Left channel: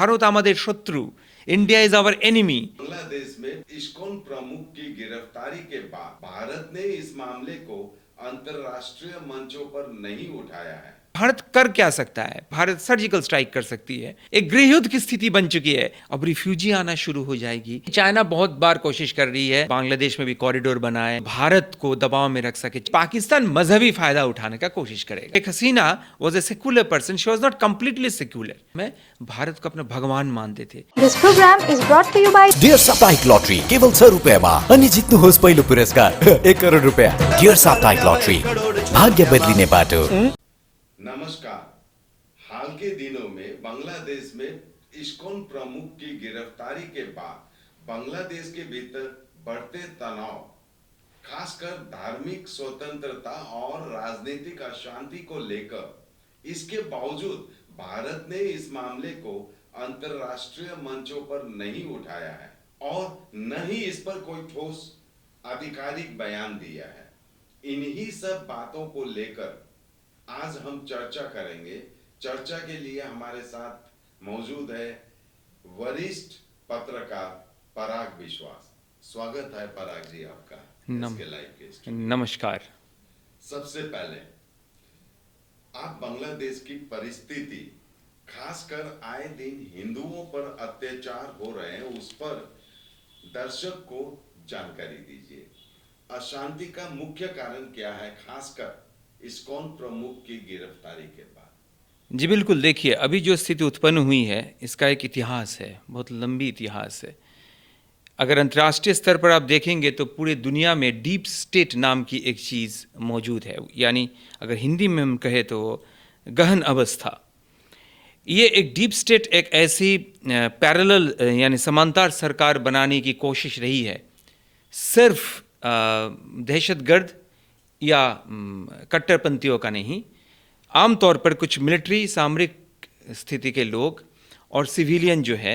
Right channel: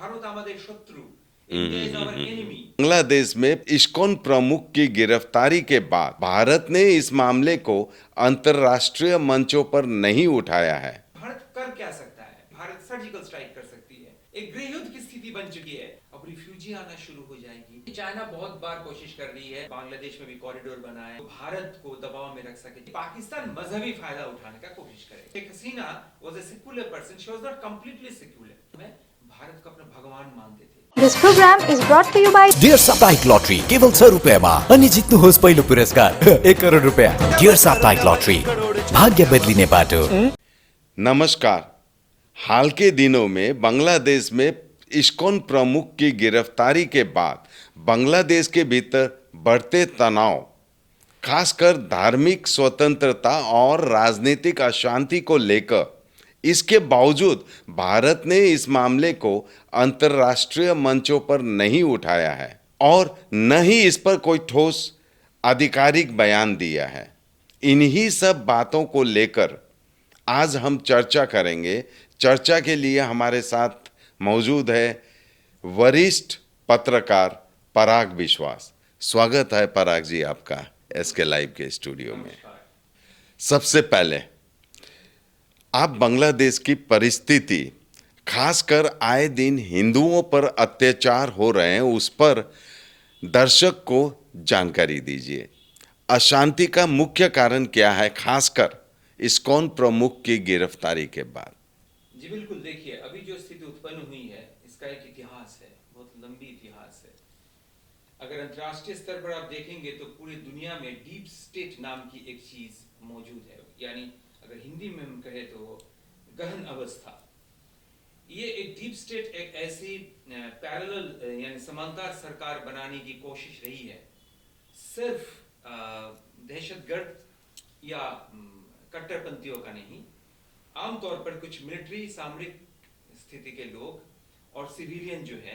ভারত আমাদের শত্রু, India is our enemy. Bangladesh में इस्कॉन प्रमुख की गिरफ्तारी के बाद भारत ने इस मामले को अंतर्राष्ट्रीय मंचों पर नहीं उठाया है। भारत कर क्या सकता है? भारत सर्जिकल स्ट्राइक कर सकती है। एक गृह युद्ध की स्थिति बन चुकी है, अब रिफ्यूजी आना शुरू हो जाएगी। चाइना बहुत बार कोशिश कर रही है बांग्लादेश में भी कॉरिडोर बनाए, भारत को दबाव में रख सके। पाकिस्तान मजहबी फायदा उठाने का कोशिश करेगा। एक Hasina was a secular person, she was not completely secular. मैं भारत को अपना भगवान मानते थे। This program is brought to you by Dear साप्ताहिक लॉटरी केवल 6 रुपियाँमा अनि जित्नुहोस् पहिलो पुरस्कार 1 करोड रुपियाँ। डियर साप्ताहिक लॉटरी, भाग्य बदलिने बाटो। नमस्कार। हाल के दिनों में बांग्लादेश में इस्कॉन प्रमुख की गिरफ्तारी के बाद बांग्लादेश के भीतर बढ़ते तनाव, खासकर धार्मिक स्वतंत्रता और राजनीतिक अशांति को लेकर, इसके बावजूद भारत ने इस मामले को अंतर्राष्ट्रीय मंचों पर नहीं उठाया है और न ही इस पर कोई ठोस आधिकारिक बयान दिया है। इन्हीं सब बातों को लेकर आज हम चर्चा करेंगे। चर्चा के लिए हमारे साथ मौजूद है वरिष्ठ पत्रकार पराग विश्वास। स्वागत है पराग जी आपका एसके लाइव के स्टूडियो। नमस्कार। सबसे पहले आप बांग्लादेश की परिस्थिति, खासकर आए दिन हिंदुओं पर अत्याचार हो रहे हैं, उस पर दर्शक को जानकारी दीजिए। अशांति का मुख्य कारण क्या है, खासकर इस्कॉन प्रमुख की गिरफ्तारी के बाद? जी बिल्कुल, देखिए अभी जो स्थिति उत्पन्न हुई है इसका एक इतिहास है, बहुत लंबी इतिहास है। अगर अंतर्राष्ट्रीय स्तर पर आप देखेंगे तो पूरे दुनिया में डीप स्टेट नाम की एक चीज़ मौजूद है, यानी अगर हिंदी में हम कहें तो गहन अवस्था। ये एक डीप स्टेट एक ऐसी पैरेलल यानी समांतर सरकार बनाने की कोशिश रही है, सिर्फ दहशतगर्द या कट्टरपंथियों का नहीं, आमतौर पर कुछ मिलिट्री सामरिक स्थिति के लोग और सिविलियन जो है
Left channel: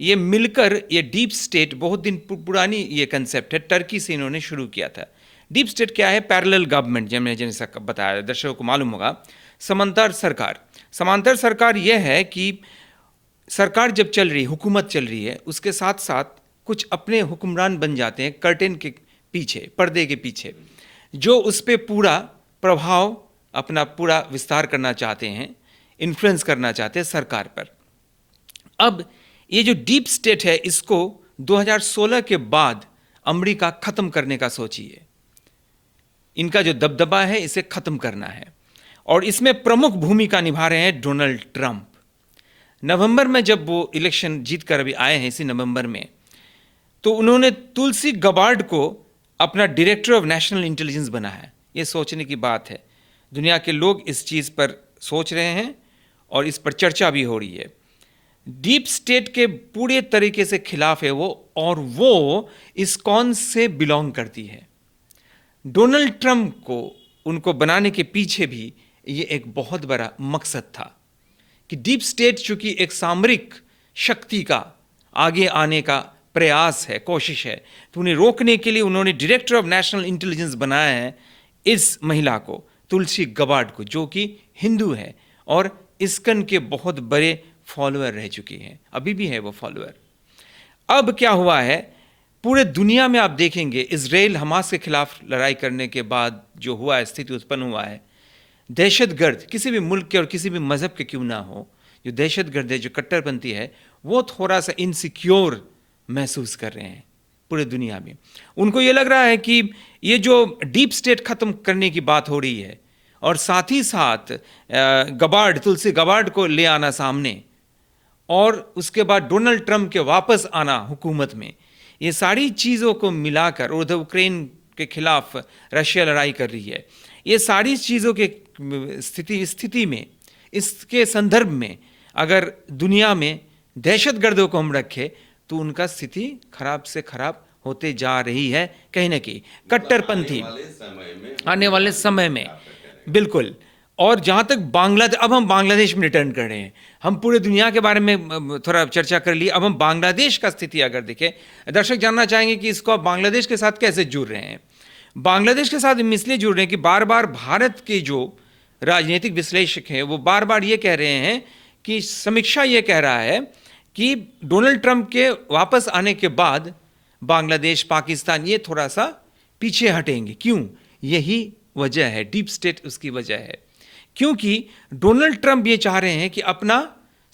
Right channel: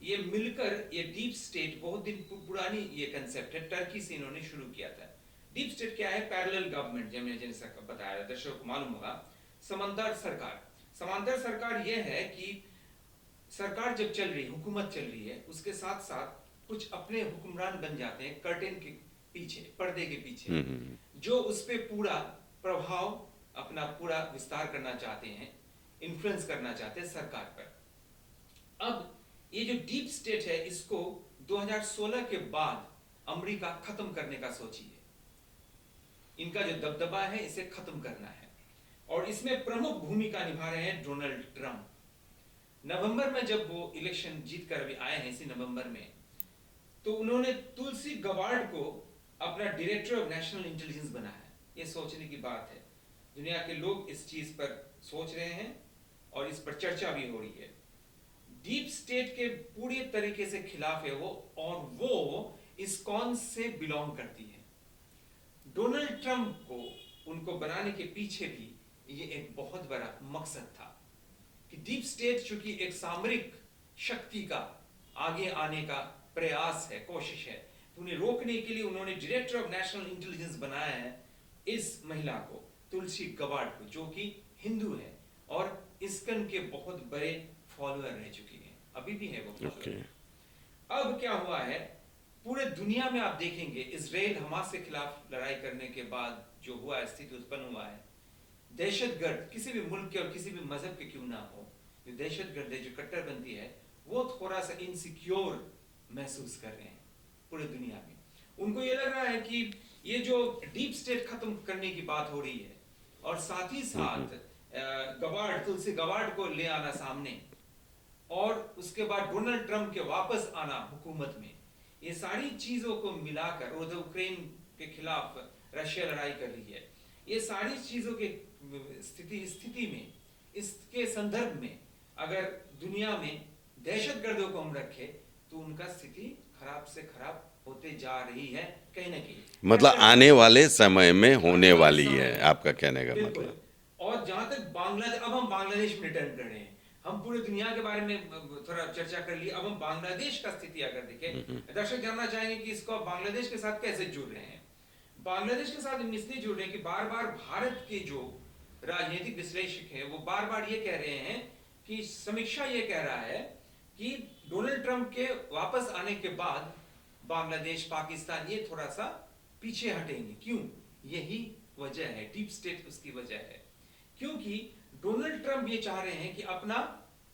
ये मिलकर ये डीप स्टेट, बहुत दिन पुरानी ये कंसेप्ट है, टर्की से इन्होंने शुरू किया था। डीप स्टेट क्या है? पैरेलल गवर्नमेंट, जैसे बताया दर्शकों को मालूम होगा। समांतर सरकार, समांतर सरकार यह है कि सरकार जब चल रही, हुकूमत चल रही है, उसके साथ साथ कुछ अपने हुक्मरान बन जाते हैं कर्टेन के पीछे, पर्दे के पीछे, जो उस पर पूरा प्रभाव अपना पूरा विस्तार करना चाहते हैं, इन्फ्लुएंस करना चाहते हैं सरकार पर। अब ये जो डीप स्टेट है इसको 2016 के बाद अमेरिका खत्म करने का सोची है। इनका जो दबदबा है इसे खत्म करना है और इसमें प्रमुख भूमिका निभा रहे हैं डोनाल्ड ट्रंप। नवंबर में जब वो इलेक्शन जीत कर अभी आए हैं, इसी नवंबर में, तो उन्होंने तुलसी गबार्ड को अपना डायरेक्टर ऑफ नेशनल इंटेलिजेंस बनाया। ये सोचने की बात है, दुनिया के लोग इस चीज़ पर सोच रहे हैं और इस पर चर्चा भी हो रही है। डीप स्टेट के पूरे तरीके से खिलाफ है वो, और वो इस्कॉन से बिलोंग करती है। डोनाल्ड ट्रंप को उनको बनाने के पीछे भी ये एक बहुत बड़ा मकसद था कि डीप स्टेट चूंकि एक सामरिक शक्ति का आगे आने का प्रयास है, कोशिश है, तो उन्हें रोकने के लिए उन्होंने डायरेक्टर ऑफ नेशनल इंटेलिजेंस बनाया है इस महिला को, तुलसी गबार्ड को, जो कि हिंदू है और इस्कन के बहुत बड़े फॉलोअर रह चुकी हैं, अभी भी है वो फॉलोअर। अब क्या हुआ है, पूरे दुनिया में आप देखेंगे इजराइल हमास के खिलाफ लड़ाई करने के बाद जो हुआ है, स्थिति उत्पन्न हुआ है, दहशतगर्द किसी भी मुल्क के और किसी भी मजहब के क्यों ना हो, जो दहशतगर्द है, जो कट्टरपंथी है, वो थोड़ा सा इनसिक्योर महसूस कर रहे हैं पूरे दुनिया में। उनको ये लग रहा है कि ये जो डीप स्टेट खत्म करने की बात हो रही है और साथ ही साथ गबार्ड, तुलसी गबार्ड को ले आना सामने और उसके बाद डोनाल्ड ट्रंप के वापस आना हुकूमत में, ये सारी चीज़ों को मिलाकर, उधर यूक्रेन के खिलाफ रशिया लड़ाई कर रही है, ये सारी चीज़ों के स्थिति में, इसके संदर्भ में अगर दुनिया में दहशतगर्दों को हम रखें तो उनका स्थिति खराब से खराब होते जा रही है कहीं ना कहीं। मतलब आने वाले समय में आने वाले समय में आपका कहने का बिल्कुल। और जहाँ तक बांग्लादेश, अब हम बांग्लादेश में रिटर्न कर रहे हैं, हम पूरे दुनिया के बारे में थोड़ा चर्चा कर ली, अब हम बांग्लादेश का स्थिति अगर देखें, दर्शक जानना चाहेंगे कि इसको आप बांग्लादेश के साथ कैसे जुड़ रहे हैं। बांग्लादेश के साथ हम इसलिए जुड़ रहे हैं कि बार बार भारत के जो राजनीतिक विश्लेषक हैं वो बार बार ये कह रहे हैं कि समीक्षा ये कह रहा है कि डोनाल्ड ट्रंप के वापस आने के बाद बांग्लादेश, पाकिस्तान ये थोड़ा सा पीछे हटेंगे। क्यों? यही वजह है, डीप स्टेट उसकी वजह है। क्योंकि डोनाल्ड ट्रंप ये चाह रहे हैं कि अपना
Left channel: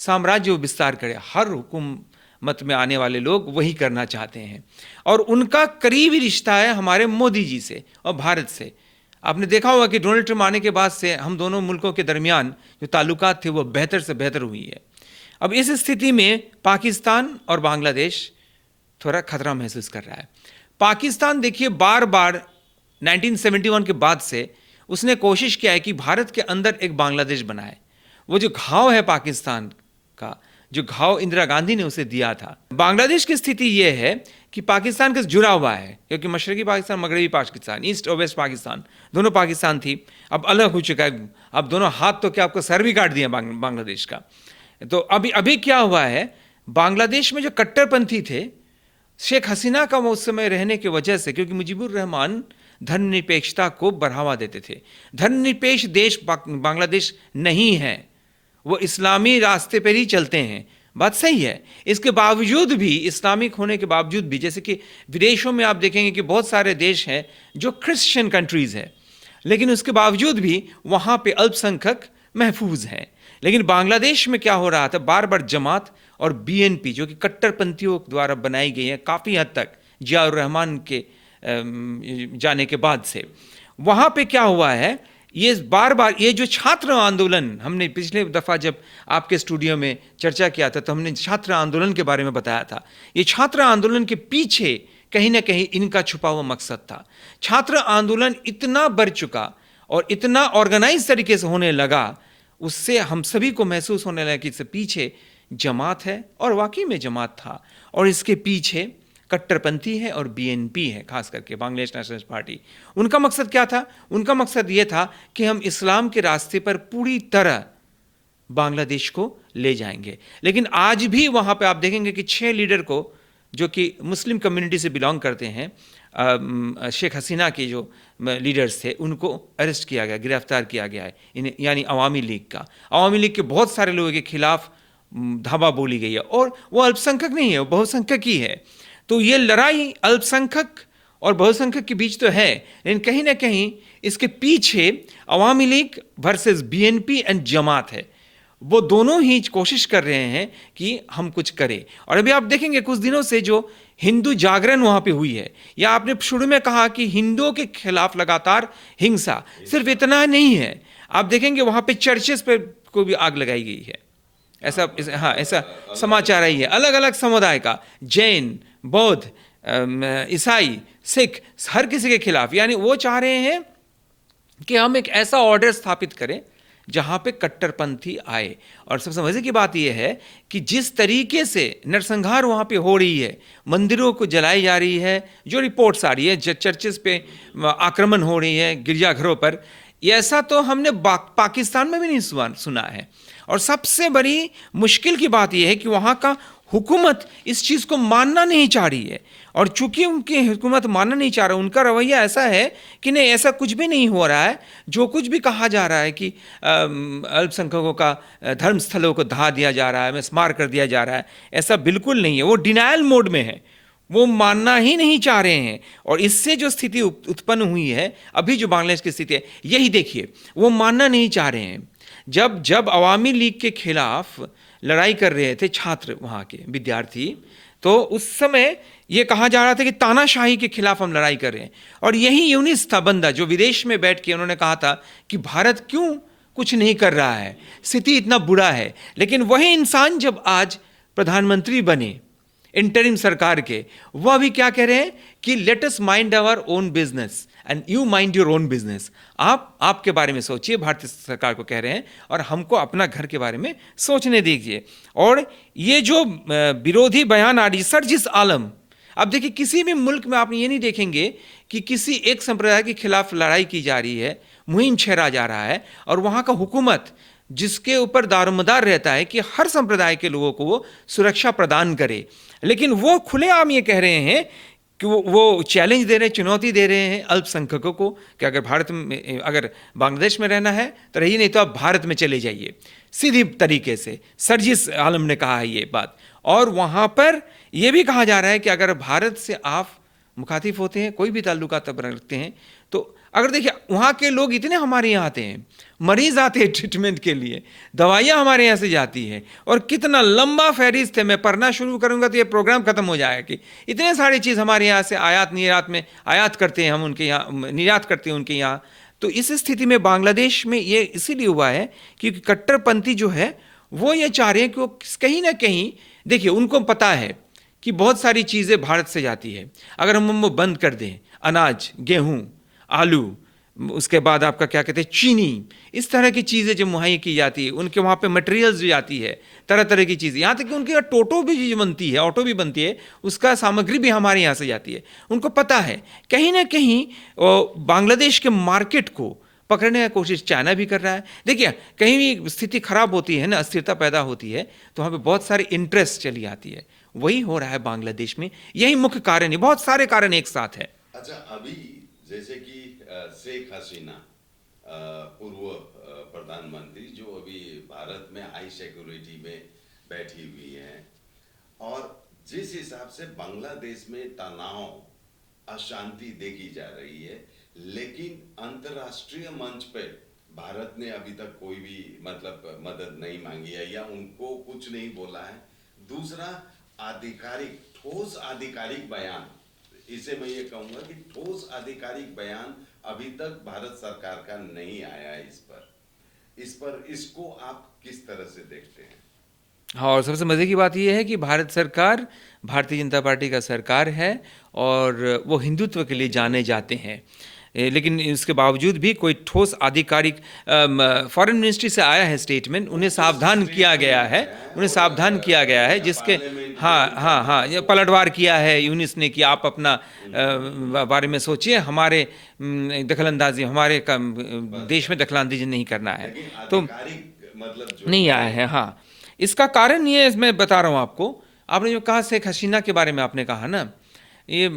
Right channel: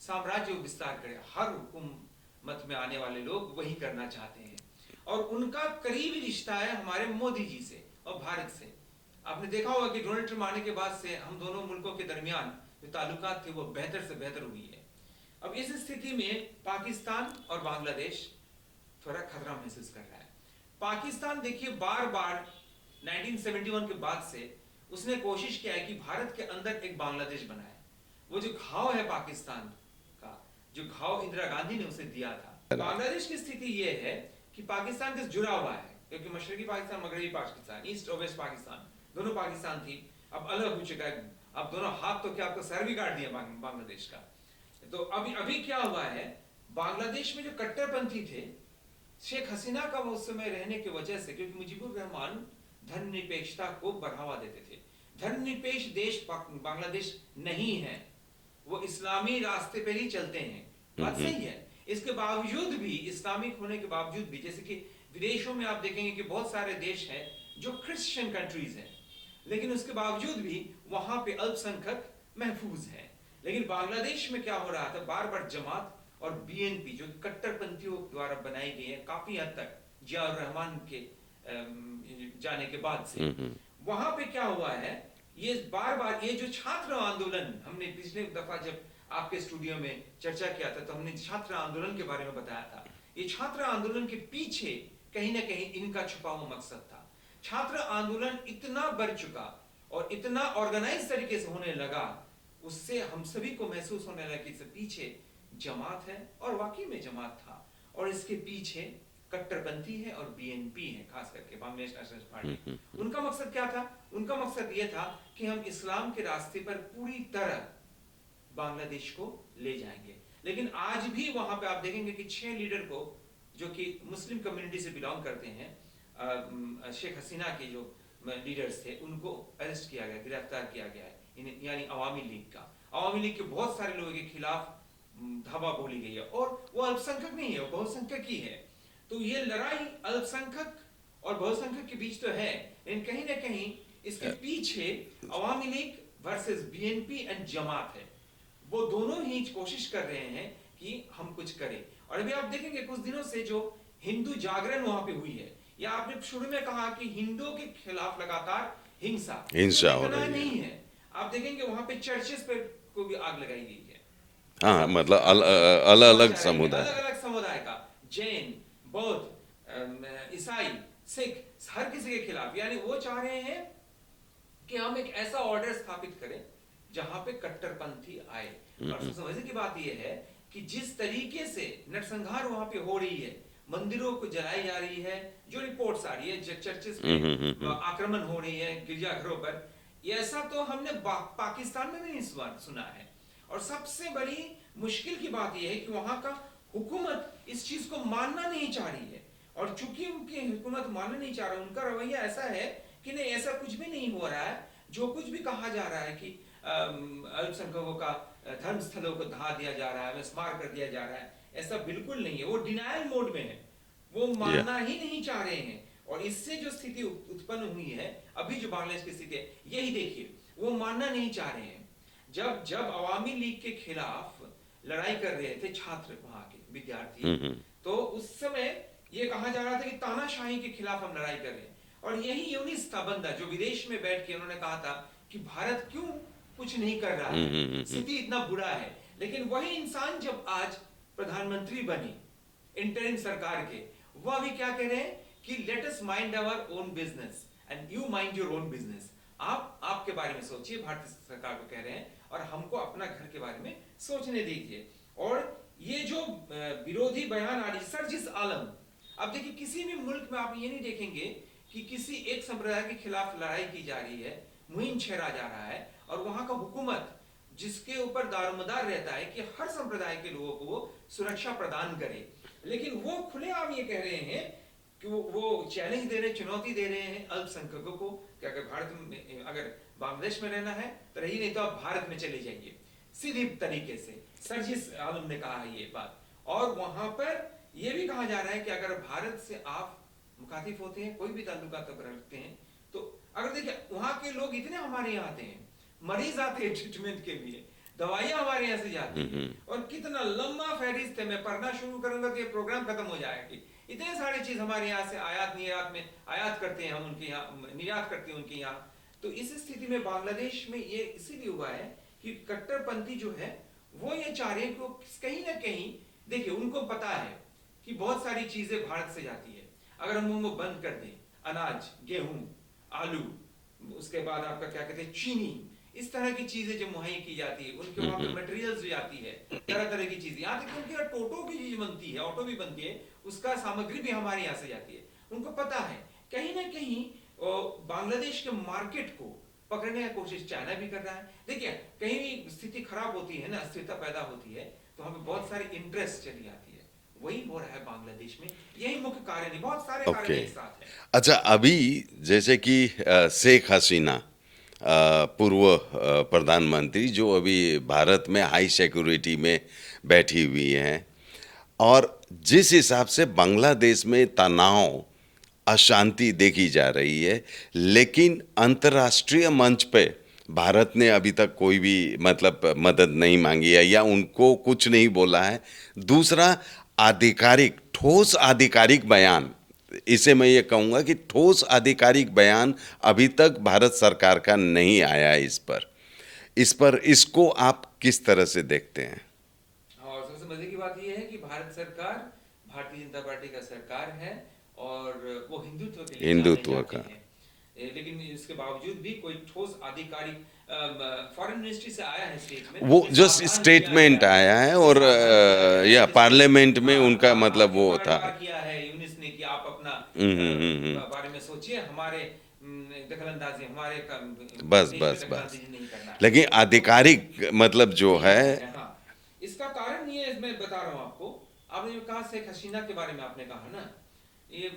साम्राज्य विस्तार करे, हर हुकूमत में आने वाले लोग वही करना चाहते हैं, और उनका करीबी रिश्ता है हमारे मोदी जी से और भारत से। आपने देखा होगा कि डोनाल्ड ट्रंप आने के बाद से हम दोनों मुल्कों के दरमियान जो ताल्लुकात थे वो बेहतर से बेहतर हुई है। अब इस स्थिति में पाकिस्तान और बांग्लादेश थोड़ा खतरा महसूस कर रहा है। पाकिस्तान देखिए बार बार 1971 के बाद से उसने कोशिश किया है कि भारत के अंदर एक बांग्लादेश बनाए। वो जो घाव है पाकिस्तान का, जो घाव इंदिरा गांधी ने उसे दिया था। बांग्लादेश की स्थिति ये है कि पाकिस्तान के जुड़ा हुआ है, क्योंकि मशरकी पाकिस्तान, मगरबी पाकिस्तान, ईस्ट और वेस्ट पाकिस्तान दोनों पाकिस्तान थी, अब अलग हो चुका है। अब दोनों हाथ तो क्या, आपको सर भी काट दिया बांग्लादेश का। तो अभी क्या हुआ है, बांग्लादेश में जो कट्टरपंथी थे, शेख हसीना का उस समय रहने की वजह से, क्योंकि मुजीबुर रहमान धर्मनिरपेक्षता को बढ़ावा देते थे। धर्मनिरपेक्ष देश बांग्लादेश नहीं है, वो इस्लामी रास्ते पर ही चलते हैं, बात सही है। इसके बावजूद भी, इस्लामिक होने के बावजूद भी, जैसे कि विदेशों में आप देखेंगे कि बहुत सारे देश हैं जो क्रिश्चियन कंट्रीज हैं, लेकिन उसके बावजूद भी वहाँ पे अल्पसंख्यक महफूज हैं। लेकिन बांग्लादेश में क्या हो रहा था, बार बार जमात और बीएनपी जो कि कट्टरपंथियों द्वारा बनाई गई है काफ़ी हद तक जियाउर रहमान के जाने के बाद से, वहाँ पे क्या हुआ है, ये बार बार ये जो छात्र आंदोलन, हमने पिछले दफ़ा जब आपके स्टूडियो में चर्चा किया था तो हमने छात्र आंदोलन के बारे में बताया था। ये छात्र आंदोलन के पीछे कहीं ना कहीं इनका छुपा हुआ मकसद था। छात्र आंदोलन इतना बढ़ चुका और इतना ऑर्गेनाइज तरीके से होने लगा, उससे हम सभी को महसूस होने लगा कि इससे पीछे जमात है, और वाकई में जमात था, और इसके पीछे कट्टरपंथी है और बीएनपी है, खास करके बांग्लादेश नेशनलिस्ट पार्टी। उनका मकसद क्या था? उनका मकसद ये था कि हम इस्लाम के रास्ते पर पूरी तरह बांग्लादेश को ले जाएंगे। लेकिन आज भी वहाँ पे आप देखेंगे कि 6 लीडर को, जो कि मुस्लिम कम्युनिटी से बिलोंग करते हैं, शेख हसीना के जो लीडर्स थे, उनको अरेस्ट किया गया, गिरफ्तार किया गया है, यानी अवामी लीग का। अवामी लीग के बहुत सारे लोगों के खिलाफ धावा बोली गई है, और वो अल्पसंख्यक नहीं है, वो बहुसंख्यक ही है। तो ये लड़ाई अल्पसंख्यक और बहुसंख्यक के बीच तो है, लेकिन कहीं ना कहीं इसके पीछे अवामी लीग वर्सेस बीएनपी एंड जमात है। वो दोनों ही कोशिश कर रहे हैं कि हम कुछ करें। और अभी आप देखेंगे कुछ दिनों से जो हिंदू जागरण वहां पे हुई है, या आपने शुरू में कहा कि हिंदुओं के खिलाफ लगातार हिंसा सिर्फ इतना नहीं है, आप देखेंगे वहां पे चर्चेस पे को भी आग लगाई गई है। ऐसा ऐसा समाचार आई है, अलग अलग समुदाय का, जैन, बौद्ध, ईसाई, सिख, हर किसी के खिलाफ। यानी वो चाह रहे हैं कि हम एक ऐसा ऑर्डर स्थापित करें जहां पे कट्टरपंथी आए। और सबसे मजे की बात यह है कि जिस तरीके से नरसंहार वहां पे हो रही है, मंदिरों को जलाई जा रही है, जो रिपोर्ट्स आ रही है, चर्चेस पे आक्रमण हो रही है, गिरजाघरों पर, ऐसा तो हमने पाकिस्तान में भी नहीं सुना है। और सबसे बड़ी मुश्किल की बात यह है कि वहाँ का हुकूमत इस चीज़ को मानना नहीं चाह रही है, और चूंकि उनकी हुकूमत मानना नहीं चाह रहा, उनका रवैया ऐसा है कि नहीं, ऐसा कुछ भी नहीं हो रहा है। जो कुछ भी कहा जा रहा है कि अल्पसंख्यकों का धर्म स्थलों को ढा दिया जा रहा है, मिसमार कर दिया जा रहा है, ऐसा बिल्कुल नहीं है। वो डिनायल मोड में है, वो मानना ही नहीं चाह रहे हैं। और इससे जो स्थिति उत्पन्न हुई है, अभी जो बांग्लादेश की स्थिति है, यही देखिए, वो मानना नहीं चाह रहे हैं। जब अवामी लीग के खिलाफ लड़ाई कर रहे थे छात्र, वहाँ के विद्यार्थी, तो उस समय ये कहा जा रहा था कि तानाशाही के खिलाफ हम लड़ाई कर रहे हैं। और यही यूनिस था बंदा जो विदेश में बैठ के उन्होंने कहा था कि भारत क्यों कुछ नहीं कर रहा है, स्थिति इतना बुरा है। लेकिन वही इंसान जब आज प्रधानमंत्री बने इंटरिम सरकार के, वह भी क्या कह रहे हैं कि let us mind our own business and you mind your own business. आप आपके बारे में सोचिए, भारतीय सरकार को कह रहे हैं, और हमको अपना घर के बारे में सोचने दीजिए। और ये जो विरोधी बयान आ रही, सर्जिस आलम, अब देखिए किसी भी मुल्क में आप ये नहीं देखेंगे कि किसी एक संप्रदाय के खिलाफ लड़ाई की जा रही है, मुहिम छेड़ा जा रहा है, और वहाँ का हुकूमत जिसके ऊपर दारोमदार रहता है कि हर संप्रदाय के लोगों को वो सुरक्षा प्रदान करे, लेकिन वो खुलेआम ये कह रहे हैं कि वो चैलेंज दे रहे हैं, चुनौती दे रहे हैं अल्पसंख्यकों को कि अगर भारत में, अगर बांग्लादेश में रहना है तो रहिए, नहीं तो आप भारत में चले जाइए। सीधी तरीके से सर्जिस आलम ने कहा है ये बात। और वहाँ पर यह भी कहा जा रहा है कि अगर भारत से आप मुखातिब होते हैं, कोई भी ताल्लुकात रखते हैं, तो अगर देखिए वहाँ के लोग इतने हमारे यहाँ आते हैं, मरीज आते हैं ट्रीटमेंट के लिए, दवाइयाँ हमारे यहाँ से जाती है, और कितना लंबा फहरिस्त है, मैं पढ़ना शुरू करूँगा तो ये प्रोग्राम खत्म हो जाएगा कि इतने सारी चीज़ हमारे यहाँ से आयात निर्यात में आयात करते हैं हम उनके यहाँ, निर्यात करते हैं उनके यहाँ। तो इस स्थिति में बांग्लादेश में ये इसीलिए हुआ है क्योंकि कट्टरपंथी जो है वो ये चाह रहे हैं कि वो कहीं ना कहीं, देखिए उनको पता है कि बहुत सारी चीज़ें भारत से जाती है, अगर हम वो बंद कर दें, अनाज, गेहूँ, आलू, उसके बाद आपका क्या कहते हैं चीनी, इस तरह की चीज़ें जो मुहैया की जाती है, उनके वहाँ पे मटेरियल्स भी आती है, तरह तरह की चीज़ें, यहाँ तक कि उनके यहाँ टोटो भी जो बनती है, ऑटो भी बनती है, उसका सामग्री भी हमारे यहाँ से जाती है। उनको पता है कहीं ना कहीं बांग्लादेश के मार्केट को पकड़ने की कोशिश चाइना भी कर रहा है। देखिए कहीं भी स्थिति खराब होती है ना, अस्थिरता पैदा होती है, तो वहाँ पे बहुत सारे इंटरेस्ट चली आती है। वही हो रहा है बांग्लादेश में, यही मुख्य कारण है, बहुत सारे कारण एक साथ है। अच्छा, अभी जैसे कि शेख हसीना पूर्व प्रधानमंत्री जो अभी भारत में हाई सिक्योरिटी में बैठी हुई हैं, और जिस हिसाब से बांग्लादेश में तनाव, अशांति देखी जा रही है, लेकिन अंतर्राष्ट्रीय मंच पे भारत ने अभी तक कोई भी मतलब मदद नहीं मांगी है या उनको कुछ नहीं बोला है। दूसरा, आधिकारिक ठोस आधिकारिक बयान, इसे मैं ये कहूँगा कि ठोस आधिकारिक बयान अभी तक भारत सरकार का नहीं आया है इस पर इसको आप किस तरह से देखते हैं? हाँ, और सबसे मज़े की बात यह है कि भारत सरकार भारतीय जनता पार्टी का सरकार है और वो हिंदुत्व के लिए जाने जाते हैं, लेकिन इसके बावजूद भी कोई ठोस आधिकारिक फॉरेन मिनिस्ट्री से आया है स्टेटमेंट, उन्हें सावधान किया गया है, और सावधान किया गया है, पार्लियामेंट में उनका मतलब पलटवार किया है यूनिस ने कि आप अपना बारे में सोचिए, हमारे दखलंदाजी, हमारे देश में दखलंदाजी नहीं करना है। लेकिन आधिकारिक मतलब जो नहीं आया है। हाँ, इसका कारण ये मैं बता रहा हूँ आपको। आपने जो कहा शेख हसीना के बारे में आपने कहा ना, ये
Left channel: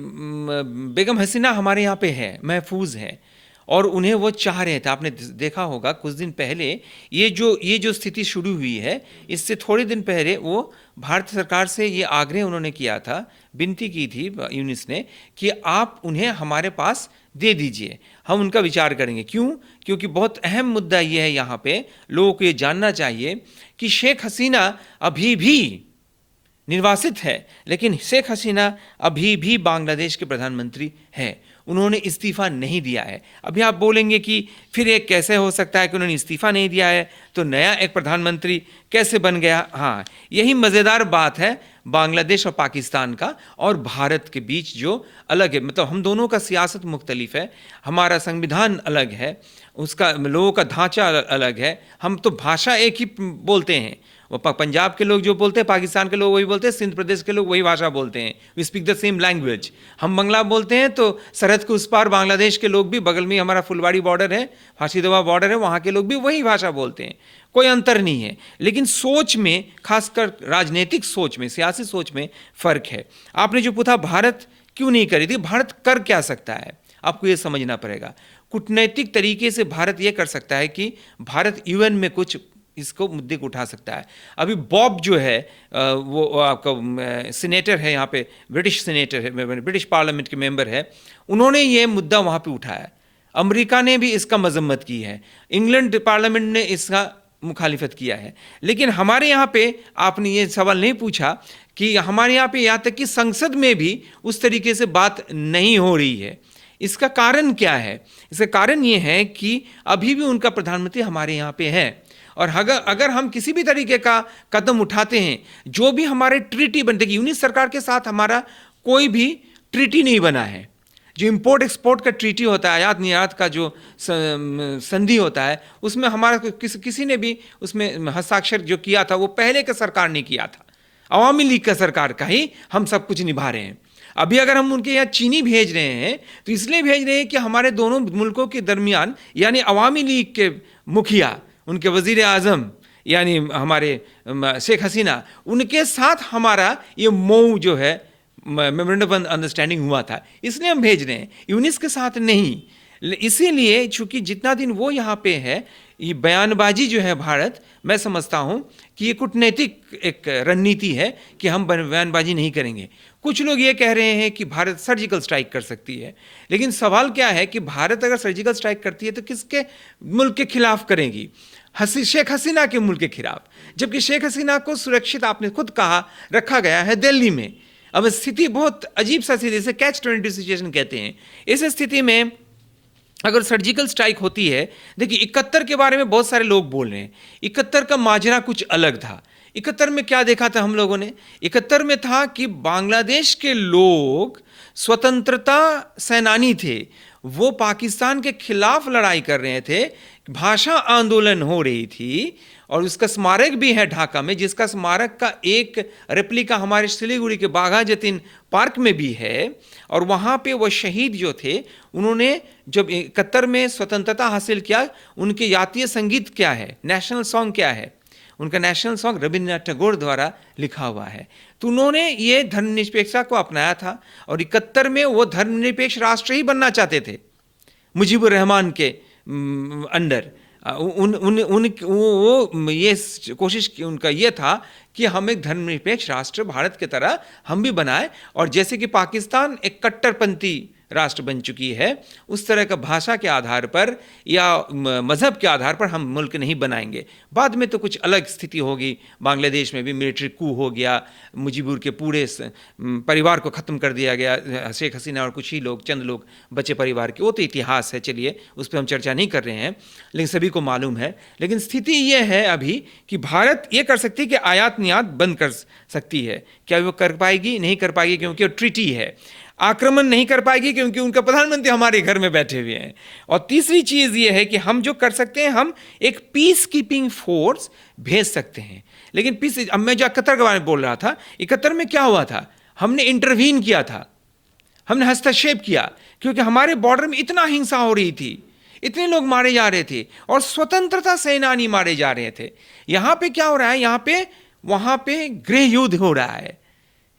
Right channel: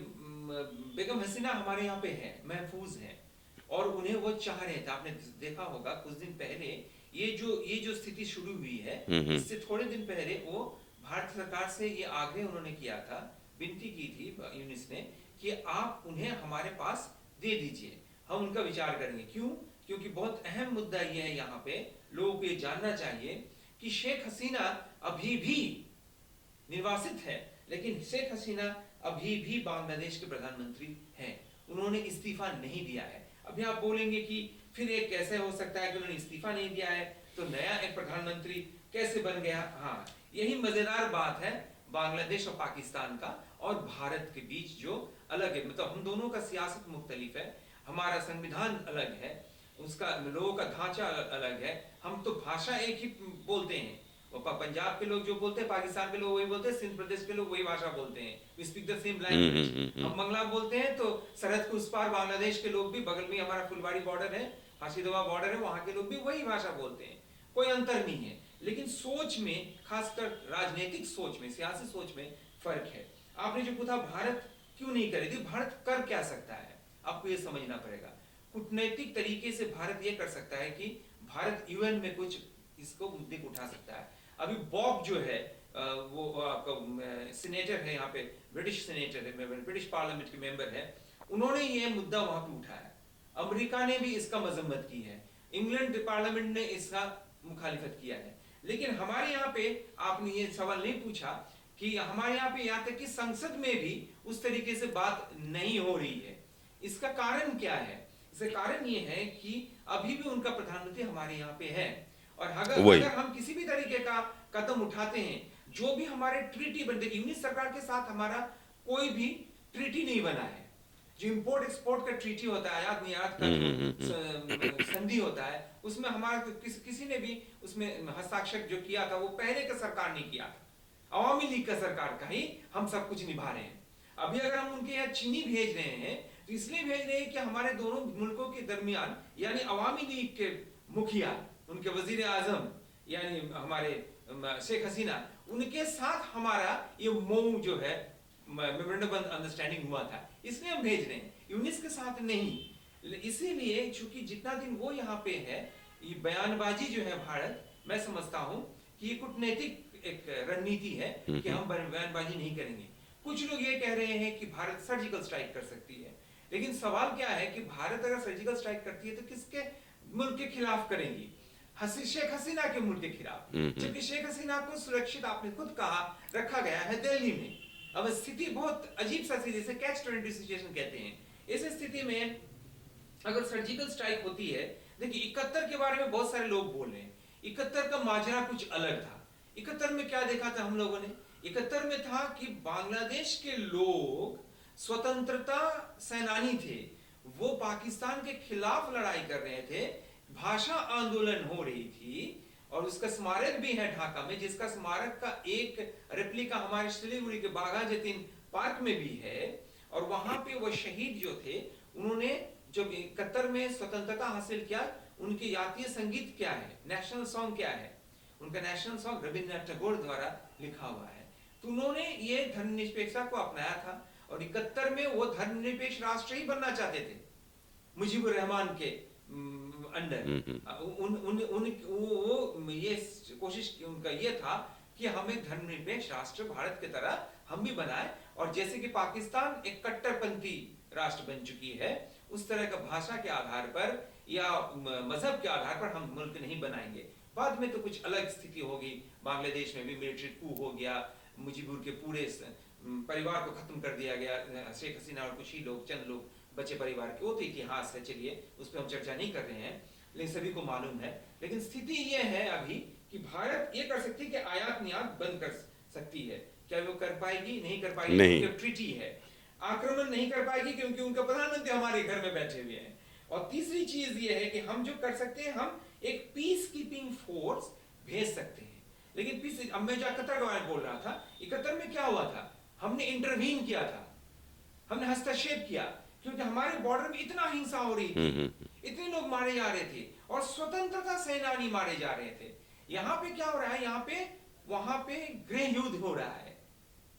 बेगम हसीना हमारे यहाँ पे है, महफूज है, और उन्हें वो चाह रहे थे। आपने देखा होगा कुछ दिन पहले ये जो स्थिति शुरू हुई है, इससे थोड़े दिन पहले वो भारत सरकार से ये आग्रह उन्होंने किया था, विनती की थी यूनिस ने कि आप उन्हें हमारे पास दे दीजिए, हम उनका विचार करेंगे। क्यों? क्योंकि बहुत अहम मुद्दा ये है, यहाँ पे लोगों को ये जानना चाहिए कि शेख हसीना अभी भी निर्वासित है, लेकिन शेख हसीना अभी भी बांग्लादेश के प्रधानमंत्री हैं, उन्होंने इस्तीफा नहीं दिया है। अभी आप बोलेंगे कि फिर एक कैसे हो सकता है कि उन्होंने इस्तीफा नहीं दिया है तो नया एक प्रधानमंत्री कैसे बन गया? हाँ, यही मज़ेदार बात है बांग्लादेश और पाकिस्तान का और भारत के बीच जो अलग है, मतलब हम दोनों का सियासत मुख्तलिफ है, हमारा संविधान अलग है, उसका लोगों का ढांचा अलग है, हम तो भाषा एक ही बोलते हैं, वो पंजाब के लोग जो बोलते हैं, पाकिस्तान के लोग वही बोलते हैं, सिंध प्रदेश के लोग वही भाषा बोलते हैं, we speak the same language. हम बंगला बोलते हैं तो सरहद के उस पार बांग्लादेश के लोग भी, बगल में हमारा फुलवाड़ी बॉर्डर है, फाशीदवा बॉर्डर है, वहाँ के लोग भी वही भाषा बोलते हैं, कोई अंतर नहीं है। लेकिन सोच में, खासकर राजनीतिक सोच में, सियासी सोच में फ़र्क है। आपने जो पूछा भारत क्यों नहीं करी थी, भारत कर क्या सकता है, आपको ये समझना पड़ेगा। कूटनैतिक तरीके से भारत ये कर सकता है कि भारत यूएन में कुछ इसको मुद्दे को उठा सकता है। अभी बॉब जो है वो आपका सीनेटर है, यहाँ पे ब्रिटिश सीनेटर है, ब्रिटिश पार्लियामेंट के मेंबर है, उन्होंने ये मुद्दा वहाँ पे उठाया। अमेरिका ने भी इसका मजम्मत की है, इंग्लैंड पार्लियामेंट ने इसका मुखालिफत किया है। लेकिन हमारे यहाँ पे आपने ये सवाल नहीं पूछा कि हमारे यहाँ पे यहाँ तक कि संसद में भी उस तरीके से बात नहीं हो रही है। इसका कारण क्या है? इसका कारण ये है कि अभी भी उनका प्रधानमंत्री हमारे यहाँ पे है, और अगर हम किसी भी तरीके का कदम उठाते हैं, जो भी हमारे ट्रीटी बनते हैं, यूनिस सरकार के साथ हमारा कोई भी ट्रीटी नहीं बना है, जो इंपोर्ट एक्सपोर्ट का ट्रीटी होता है, आयात निर्यात का जो संधि होता है, उसमें हमारा किसी ने भी उसमें हस्ताक्षर जो किया था वो पहले का सरकार ने किया था, अवामी लीग का सरकार का ही हम सब कुछ निभा रहे हैं। अभी अगर हम उनके यहाँ चीनी भेज रहे हैं तो इसलिए भेज रहे हैं कि हमारे दोनों मुल्कों के दरमियान, यानी अवामी लीग के मुखिया, उनके वजीर आज़म यानी हमारे शेख हसीना, उनके साथ हमारा ये मऊ जो है मेमोरेंडम ऑफ अंडरस्टैंडिंग हुआ था, इसलिए हम भेज रहे हैं, यूनिस के साथ नहीं। इसीलिए चूंकि जितना दिन वो यहाँ पे है, ये बयानबाजी जो है भारत मैं समझता हूं कि ये कूटनैतिक एक रणनीति है कि हम बयानबाजी नहीं करेंगे। कुछ लोग ये कह रहे हैं कि भारत सर्जिकल स्ट्राइक कर सकती है, लेकिन सवाल क्या है कि भारत अगर सर्जिकल स्ट्राइक करती है तो किसके मुल्क के खिलाफ करेगी? शेख हसीना के मुल्क के खिलाफ, जबकि शेख हसीना को सुरक्षित, आपने खुद कहा, रखा गया है दिल्ली में। अब स्थिति बहुत अजीब सा स्थिति, जैसे कैच 22 सिचुएशन कहते हैं। इस स्थिति में अगर सर्जिकल स्ट्राइक होती है, देखिए 71 के बारे में बहुत सारे लोग बोल रहे हैं। 71 का माजरा कुछ अलग था। 71 में क्या देखा था हम लोगों ने? 71 में था कि बांग्लादेश के लोग स्वतंत्रता सेनानी थे, वो पाकिस्तान के खिलाफ लड़ाई कर रहे थे, भाषा आंदोलन हो रही थी, और उसका स्मारक भी है ढाका में, जिसका स्मारक का एक रेप्लिका हमारे सिलीगुड़ी के बाघा जतीन पार्क में भी है। और वहाँ पे वो शहीद जो थे, उन्होंने जब 71 में स्वतंत्रता हासिल किया, उनके जातीय संगीत क्या है, नेशनल सॉन्ग क्या है? उनका नेशनल सॉन्ग रविंद्रनाथ टैगोर द्वारा लिखा हुआ है। तो उन्होंने ये धर्मनिरपेक्षता को अपनाया था, और 71 में वो धर्मनिरपेक्ष राष्ट्र ही बनना चाहते थे मुजीबुर रहमान के अंडर। वो ये कोशिश की, उनका ये था कि हम एक धर्मनिरपेक्ष राष्ट्र भारत की तरह हम भी बनाए, और जैसे कि पाकिस्तान एक कट्टरपंथी राष्ट्र बन चुकी है, उस तरह का भाषा के आधार पर या मजहब के आधार पर हम मुल्क नहीं बनाएंगे। बाद में तो कुछ अलग स्थिति होगी, बांग्लादेश में भी मिलिट्री कू हो गया, मुजीबुर के पूरे परिवार को ख़त्म कर दिया गया, शेख हसीना और कुछ ही लोग, चंद लोग बचे परिवार के, वो तो इतिहास है, चलिए उस पर हम चर्चा नहीं कर रहे हैं, लेकिन सभी को मालूम है। लेकिन स्थिति ये है अभी कि भारत ये कर सकती है कि आयात निर्यात बंद कर सकती है। क्या वो कर पाएगी? नहीं कर पाएगी, क्योंकि वो ट्रीटी है। आक्रमण नहीं कर पाएगी क्योंकि उनका प्रधानमंत्री हमारे घर में बैठे हुए हैं। और तीसरी चीज ये है कि हम जो कर सकते हैं, हम एक पीस कीपिंग फोर्स भेज सकते हैं। लेकिन पीस, अब मैं जो 71 के बारे में बोल रहा था, 71 में क्या हुआ था? हमने इंटरवीन किया था, हमने हस्तक्षेप किया, क्योंकि हमारे बॉर्डर में इतना हिंसा हो रही थी, इतने लोग मारे जा रहे थे, और स्वतंत्रता सेनानी मारे जा रहे थे। यहां पे क्या हो रहा है? यहां पे वहां पे गृह युद्ध हो रहा है,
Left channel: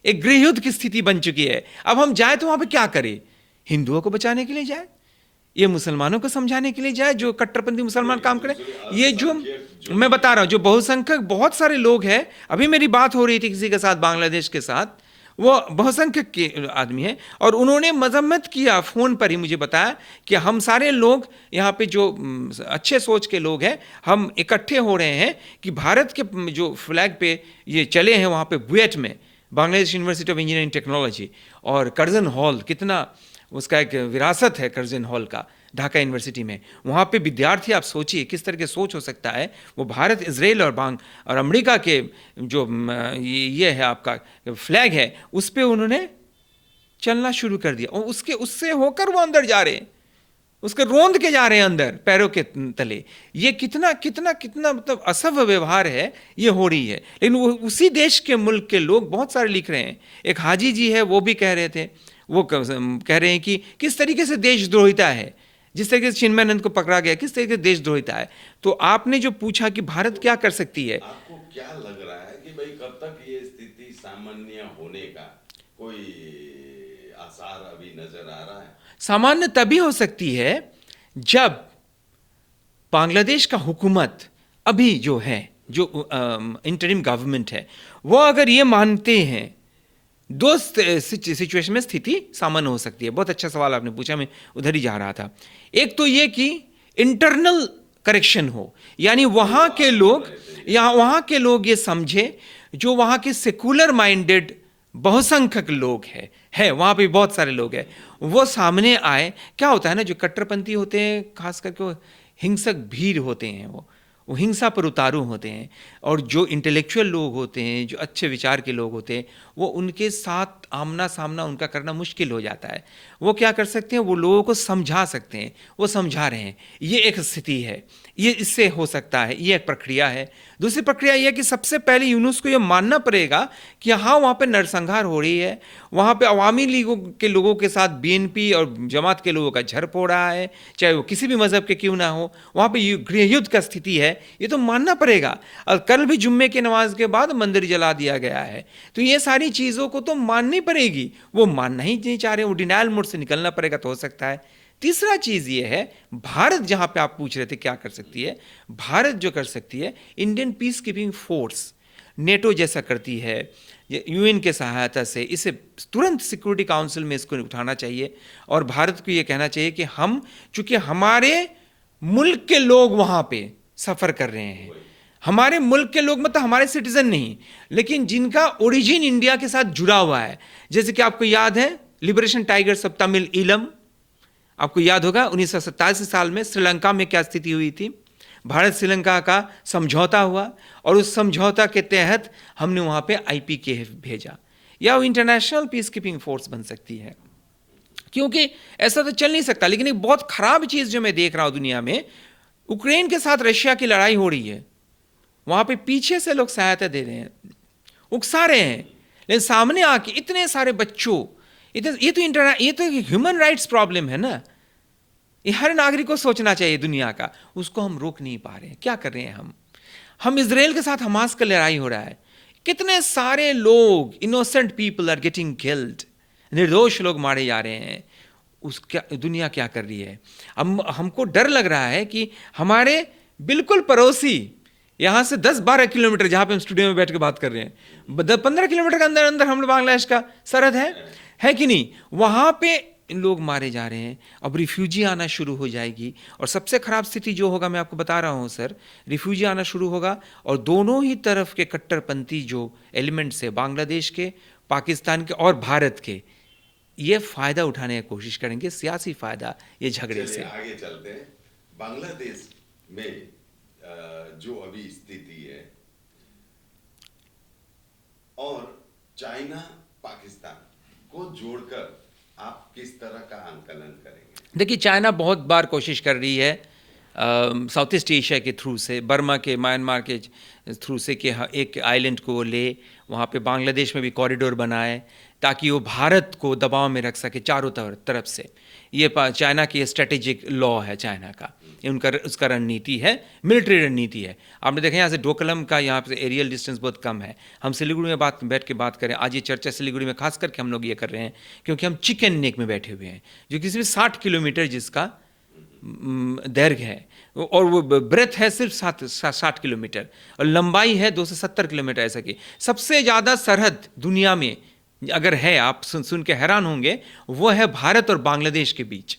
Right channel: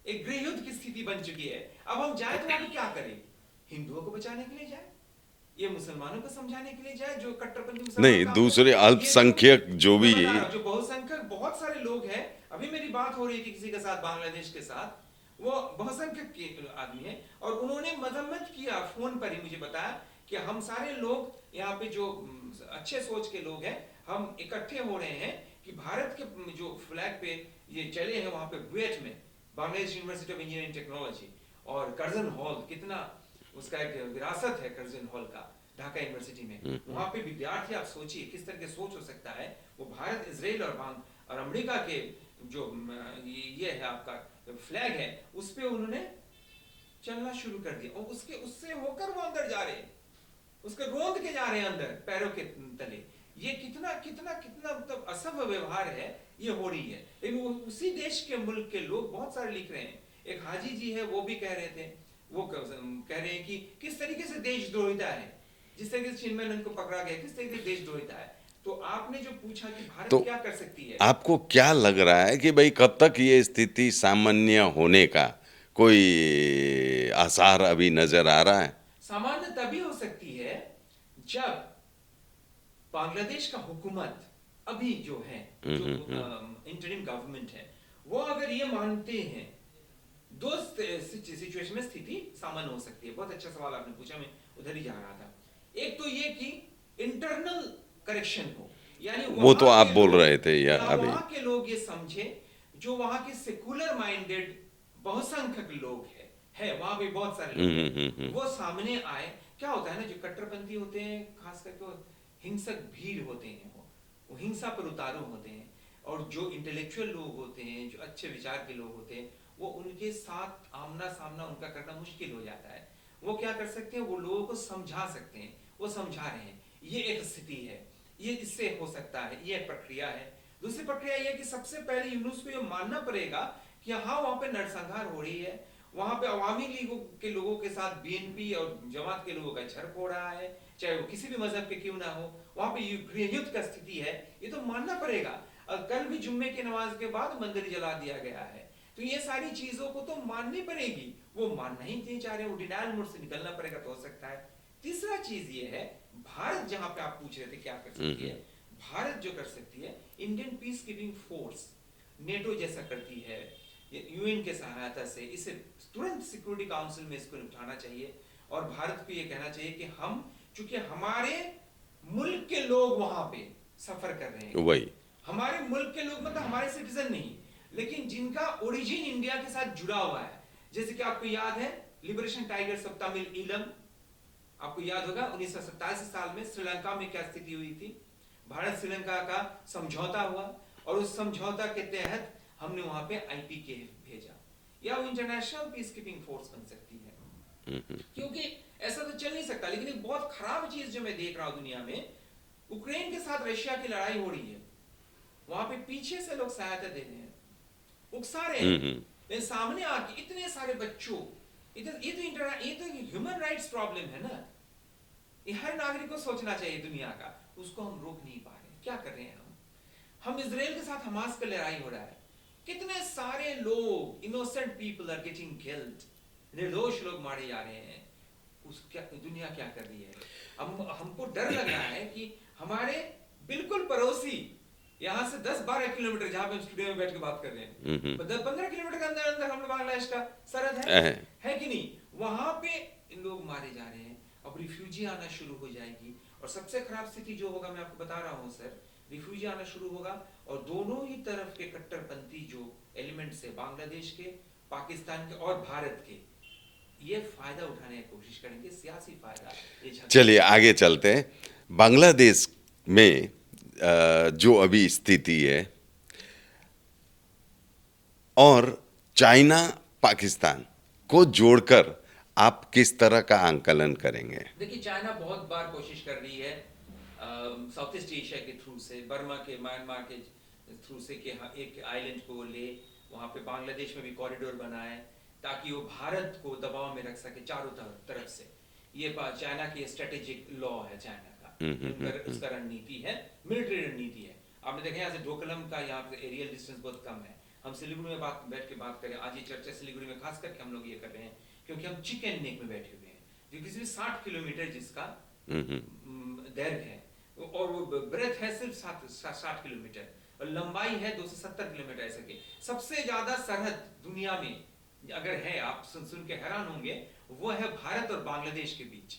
एक गृह युद्ध की स्थिति बन चुकी है। अब हम जाए तो वहां पे क्या करें? हिंदुओं को बचाने के लिए जाए, ये मुसलमानों को समझाने के लिए जाए, जो कट्टरपंथी मुसलमान काम दूसरे करें। ये जो मैं बता रहा हूं, जो बहुसंख्यक बहुत सारे लोग हैं। अभी मेरी बात हो रही थी किसी के साथ, बांग्लादेश के साथ, वो बहुसंख्यक के आदमी है, और उन्होंने मजम्मत किया, फोन पर ही मुझे बताया कि हम सारे लोग यहाँ पे जो अच्छे सोच के लोग हैं, हम इकट्ठे हो रहे हैं कि भारत के जो फ्लैग पे ये चले हैं, वहाँ पे बुएट में, Bangladesh university of engineering technology, और कर्जन हॉल, कितना उसका एक विरासत है कर्जन हॉल का ढाका यूनिवर्सिटी में। वहाँ पे विद्यार्थी, आप सोचिए किस तरह के सोच हो सकता है। वो भारत, इजराइल और अमेरिका के जो ये है आपका फ्लैग है, उस पर उन्होंने चलना शुरू कर दिया, और उससे होकर वो अंदर जा रहे हैं, उसके रोंद के जा रहे हैं अंदर पैरों के तले। ये कितना कितना कितना मतलब असभ्य व्यवहार है ये हो रही है। लेकिन वो उसी देश के मुल्क के लोग बहुत सारे लिख रहे हैं। एक हाजी जी है, वो भी कह रहे थे, वो कह रहे हैं कि किस तरीके से देशद्रोहिता है, जिस तरीके से चिन्मयानंद को पकड़ा गया, किस तरीके से देशद्रोहिता है। तो आपने जो पूछा कि भारत तो क्या कर सकती है, आपको क्या लग रहा है कि भाई कब तक ये स्थिति सामान्य होने का कोई आसार अभी नजर आ रहा है? सामान्य तभी हो सकती है जब बांग्लादेश का हुकूमत अभी जो है, जो इंटरिम गवर्नमेंट है, वो अगर ये मानते हैं, दो सिचुएशन में स्थिति सामान्य हो सकती है। बहुत अच्छा सवाल आपने पूछा, मैं उधर ही जा रहा था। एक तो ये कि इंटरनल करेक्शन हो, यानी वहां के लोग, वहां के लोग ये समझे, जो वहां के सेकुलर माइंडेड बहुसंख्यक लोग है वहां पे बहुत सारे लोग हैं, वो सामने आए। क्या होता है ना, जो कट्टरपंथी होते हैं, खास करके वो हिंसक भीड़ होते हैं, वो हिंसा पर उतारू होते हैं, और जो इंटेलेक्चुअल लोग होते हैं, जो अच्छे विचार के लोग होते हैं, वो उनके साथ आमना सामना उनका करना मुश्किल हो जाता है। वो क्या कर सकते हैं, वो लोगों को समझा सकते हैं, वो समझा रहे हैं। ये एक स्थिति है, ये इससे हो सकता है, ये एक प्रक्रिया है। दूसरी प्रक्रिया यह है कि सबसे पहले यूनुस को यह मानना पड़ेगा कि हाँ, वहाँ पे नरसंहार हो रही है, वहाँ पे अवामी लीगों के लोगों के साथ बीएनपी और जमात के लोगों का झड़प हो रहा है, चाहे वो किसी भी मजहब के क्यों ना हो, वहाँ पे गृह युद्ध का स्थिति है, ये तो मानना पड़ेगा। और कल भी जुम्मे की नमाज के बाद मंदिर जला दिया गया है, तो ये सारी चीज़ों को तो माननी पड़ेगी। वो मानना ही नहीं चाह रहे, वो डिनायल मोड से निकलना पड़ेगा, तो हो सकता है। तीसरा चीज़ ये है, भारत, जहाँ पे आप पूछ रहे थे क्या कर सकती है, भारत जो कर सकती है, Indian peace keeping force NATO जैसा करती है, यूएन के सहायता से इसे तुरंत सिक्योरिटी काउंसिल में इसको उठाना चाहिए और भारत को ये कहना चाहिए कि हम, चूंकि हमारे मुल्क के लोग वहां पे सफर कर रहे हैं, वही हमारे मुल्क के लोग, मतलब हमारे सिटीजन नहीं, लेकिन जिनका ओरिजिन इंडिया के साथ जुड़ा हुआ है, जैसे कि आपको याद है liberation tigers of Tamil Eelam, आपको याद होगा 1987 साल में श्रीलंका में क्या स्थिति हुई थी, भारत श्रीलंका का समझौता हुआ और उस समझौता के तहत हमने वहां पे आईपीकेएफ भेजा, या वो इंटरनेशनल पीस कीपिंग फोर्स बन सकती है, क्योंकि ऐसा तो चल नहीं सकता। लेकिन एक बहुत खराब चीज जो मैं देख रहा हूं दुनिया में, यूक्रेन के साथ रशिया की लड़ाई हो रही है, वहां पे पीछे से लोग सहायता दे रहे हैं, उकसा रहे हैं, लेकिन सामने आके इतने सारे बच्चों, ये तो ह्यूमन राइट्स प्रॉब्लम है ना, ये हर नागरिक को सोचना चाहिए दुनिया का, उसको हम रोक नहीं पा रहे हैं। क्या कर रहे हैं हम इजराइल के साथ हमास का लड़ाई हो रहा है, कितने सारे लोग, innocent people are getting killed, निर्दोष लोग मारे जा रहे हैं, उसका दुनिया क्या कर रही है। हमको डर लग रहा है कि हमारे बिल्कुल पड़ोसी, यहां से 10-12 किलोमीटर, जहां पे हम स्टूडियो में बैठ के बात कर रहे हैं, 15 किलोमीटर के अंदर अंदर हम लोग बांग्लादेश का सरहद है कि नहीं, वहां पे लोग मारे जा रहे हैं। अब रिफ्यूजी आना शुरू हो जाएगी और सबसे खराब स्थिति जो होगा, मैं आपको बता रहा हूं सर, रिफ्यूजी आना शुरू होगा और दोनों ही तरफ के कट्टरपंथी जो एलिमेंट्स है, बांग्लादेश के, पाकिस्तान के और भारत के, ये फायदा उठाने की कोशिश करेंगे, सियासी फायदा, ये झगड़े। चलिए आगे चलते हैं। बांग्लादेश में जो अभी स्थिति है और चाइना पाकिस्तान को जोड़कर आप किस तरह का आंकलन करेंगे? देखिए, चाइना बहुत बार कोशिश कर रही है साउथ ईस्ट एशिया के थ्रू से, बर्मा के, म्यांमार के थ्रू से, कि एक आइलैंड को ले, वहाँ पे बांग्लादेश में भी कॉरिडोर बनाए ताकि वो भारत को दबाव में रख सके चारों तरफ से। ये चाइना की स्ट्रेटेजिक लॉ है चाइना का, ये उसका रणनीति है, मिलिट्री रणनीति है। आपने देखा यहाँ से डोकलम का यहाँ पे एरियल डिस्टेंस बहुत कम है। हम सिलीगुड़ी में बैठ के बात करें, आज ये चर्चा सिलीगुड़ी में खास करके हम लोग ये कर रहे हैं क्योंकि हम चिकन नेक में बैठे हुए हैं, जो किसी भी 60 किलोमीटर जिसका दैर्घ्य है, और वो ब्रेथ है सिर्फ 60 किलोमीटर और लंबाई है 270 किलोमीटर। ऐसा कि सबसे ज़्यादा सरहद दुनिया में अगर है, आप सुन के हैरान होंगे, वो है भारत और बांग्लादेश के बीच।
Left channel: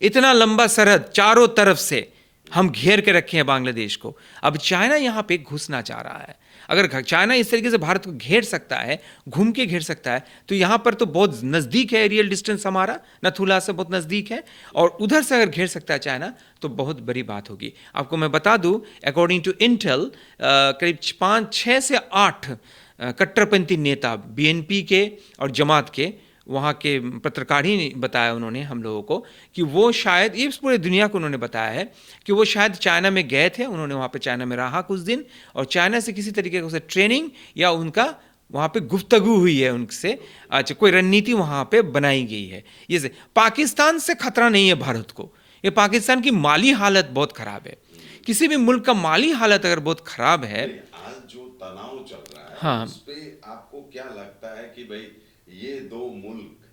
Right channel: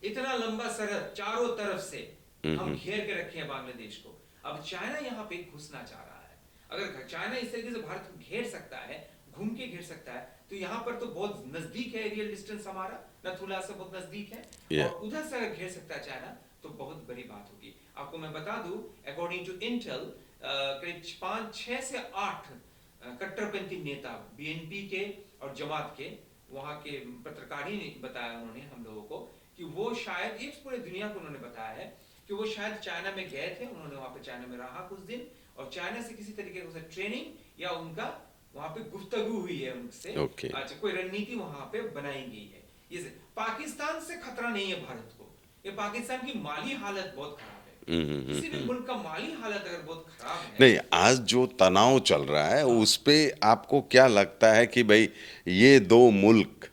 इतना लंबा सरहद चारों तरफ से हम घेर के रखे हैं बांग्लादेश को। अब चाइना यहाँ पे घुसना चाह रहा है। अगर चाइना इस तरीके से भारत को घेर सकता है, घूम के घेर सकता है, तो यहाँ पर तो बहुत नज़दीक है, एरियल डिस्टेंस हमारा नथुला से बहुत नज़दीक है, और उधर से अगर घेर सकता है चाइना तो बहुत बड़ी बात होगी। आपको मैं बता दूं, अकॉर्डिंग टू इंटेल करीब 5-6 से 8 कट्टरपंथी नेता बीएनपी के और जमात के, वहाँ के पत्रकार ही बताया उन्होंने हम लोगों को कि वो शायद, ये पूरे दुनिया को उन्होंने बताया है कि वो शायद चाइना में गए थे, उन्होंने वहाँ पे चाइना में रहा कुछ दिन, और चाइना से किसी तरीके से ट्रेनिंग या उनका वहाँ पे गुफ्तगू हुई है उनसे। अच्छा, कोई रणनीति वहाँ पे बनाई गई है। ये पाकिस्तान से खतरा नहीं है भारत को, ये पाकिस्तान की माली हालत बहुत खराब है। किसी भी मुल्क का माली हालत अगर बहुत खराब है, नहीं, आज जो तनाव चल रहा है, हाँ, उस पे आपको क्या लगता है कि भाई ये दो मुल्क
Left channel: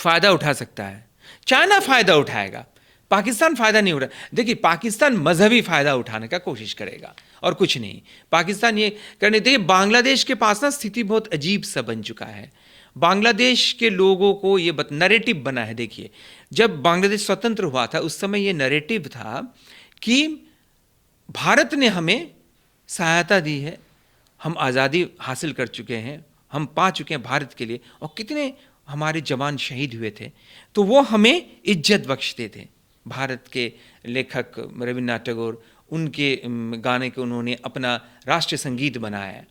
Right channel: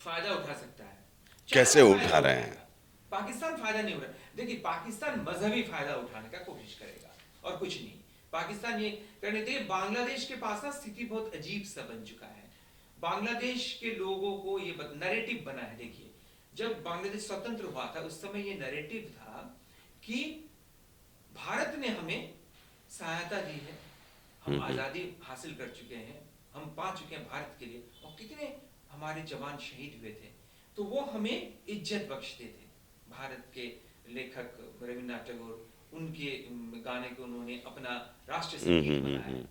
फायदा उठा सकता है? चाइना फायदा उठाएगा, पाकिस्तान फायदा नहीं उठा। देखिए, पाकिस्तान मजहबी फायदा उठाने का कोशिश करेगा और कुछ नहीं। पाकिस्तान ये करने, देखिए बांग्लादेश के पास ना स्थिति बहुत अजीब सा बन चुका है। बांग्लादेश के लोगों को ये नैरेटिव बना है। देखिए, जब बांग्लादेश स्वतंत्र हुआ था उस समय ये नैरेटिव था कि भारत ने हमें सहायता दी है, हम आज़ादी हासिल कर चुके हैं, हम पा चुके हैं भारत के लिए, और कितने हमारे जवान शहीद हुए थे, तो वो हमें इज्जत बख्शते थे। भारत के लेखक रविन्द्रनाथ टैगोर, उनके गाने को उन्होंने अपना राष्ट्रीय संगीत बनाया,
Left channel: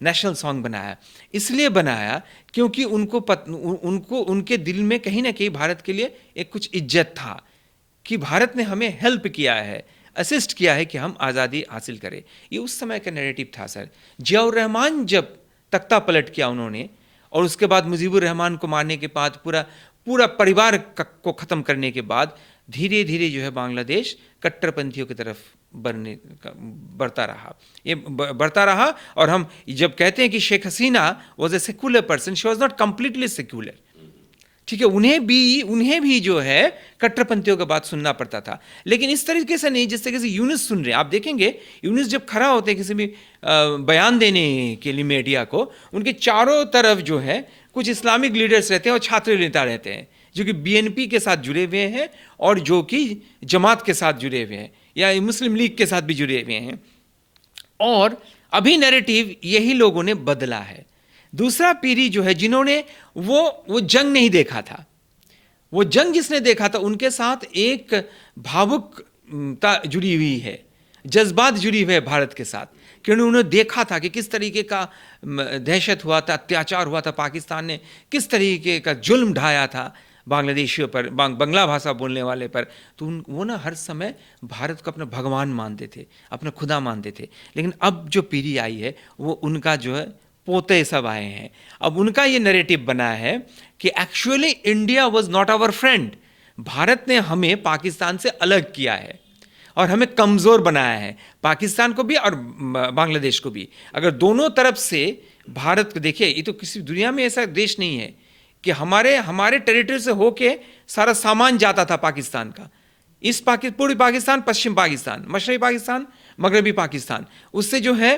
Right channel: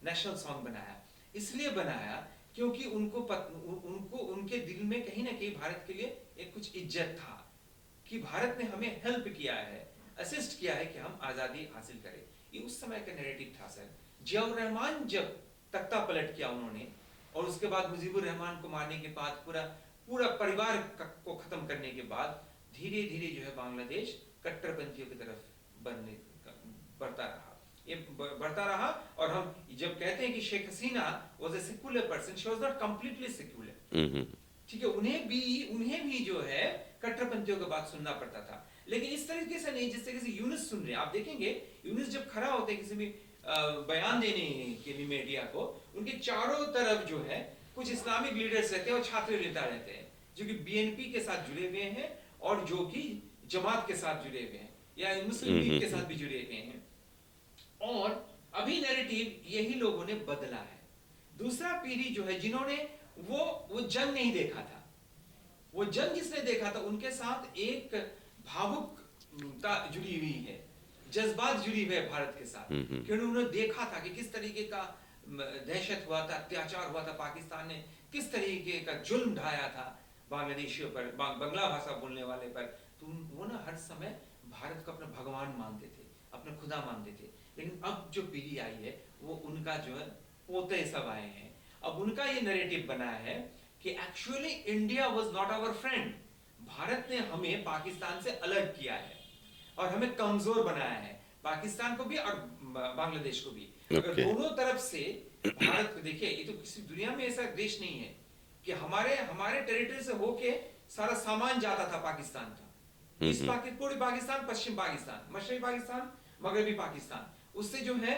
नेशनल सॉन्ग बनाया। इसलिए बनाया क्योंकि उनको उनके दिल में कहीं ना कहीं भारत के लिए एक कुछ इज्जत था कि भारत ने हमें हेल्प किया है, असिस्ट किया है कि हम आज़ादी हासिल करें। ये उस समय का नैरेटिव था सर। जियाउर रहमान जब तख्ता पलट किया उन्होंने, और उसके बाद मुजीबुर रहमान को मारने के बाद पूरा परिवार को ख़त्म करने के बाद धीरे धीरे जो है बांग्लादेश कट्टरपंथियों की तरफ बढ़ता रहा, ये बढ़ता रहा। और हम जब कहते हैं कि Sheikh Hasina was a secular person, she was not completely secular. ठीक है, उन्हें भी जो है कट्टरपंथियों का बात सुनना पड़ता था, लेकिन इस तरीके से नहीं जिस तरीके से यूनुस सुन रहे हैं। आप देखेंगे यूनुस जब खड़ा होते हैं किसी भी बयान देने के लिए मीडिया को, उनके चारों तरफ जो है कुछ इस्लामिक लीडर्स रहते हैं और छात्र नेता रहते हैं जो कि बीएनपी के साथ जुड़े हुए हैं और जो कि जमात के साथ जुड़े हुए हैं या मुस्लिम लीग के साथ भी जुड़े हुए हैं। और अभी नैरेटिव यही लोगों ने बदला है। दूसरा पीढ़ी जो है जिन्होंने वो जंग नहीं देखा था, वो जंग जिसने देखा था उनके साथ एक भावुकता जुड़ी हुई है, जज्बात जुड़ी हुई है भारत के साथ, क्योंकि उन्होंने देखा था कि किस तरीके का दहशत हुआ था, अत्याचार हुआ था, पाकिस्तान ने किस तरीके का जुल्म ढाया था बांग्लादेशियों पर, बांग्ला भाषा बोलने वाले पर। तो वो ना हर समय भारत को अपना भगवान मानते थे, अपना खुदा मानते थे। लेकिन अब जो पीढ़ी आई है वो उनका जो है पोते सब आए हैं। अब उनका ये नैरेटिव बना है कि actually India was not our friend, Bharat ने हमें पाकिस्तान से अलग किया है और हमें कमज़ोर बनाया है, पाकिस्तान को भी और बांग्लादेश को भी। अगर दोनों तरफ से भारत को देखिए, ये तो किसी दुनिया में ऐसा देश नहीं है कि हमारे टेरिटरी से होके सारा सामान जाता था पाकिस्तान का। इस पूर्वी पाकिस्तान, पश्चिम पाकिस्तान, मशरक़ी पाकिस्तान, मगरबी पाकिस्तान, उससे जो है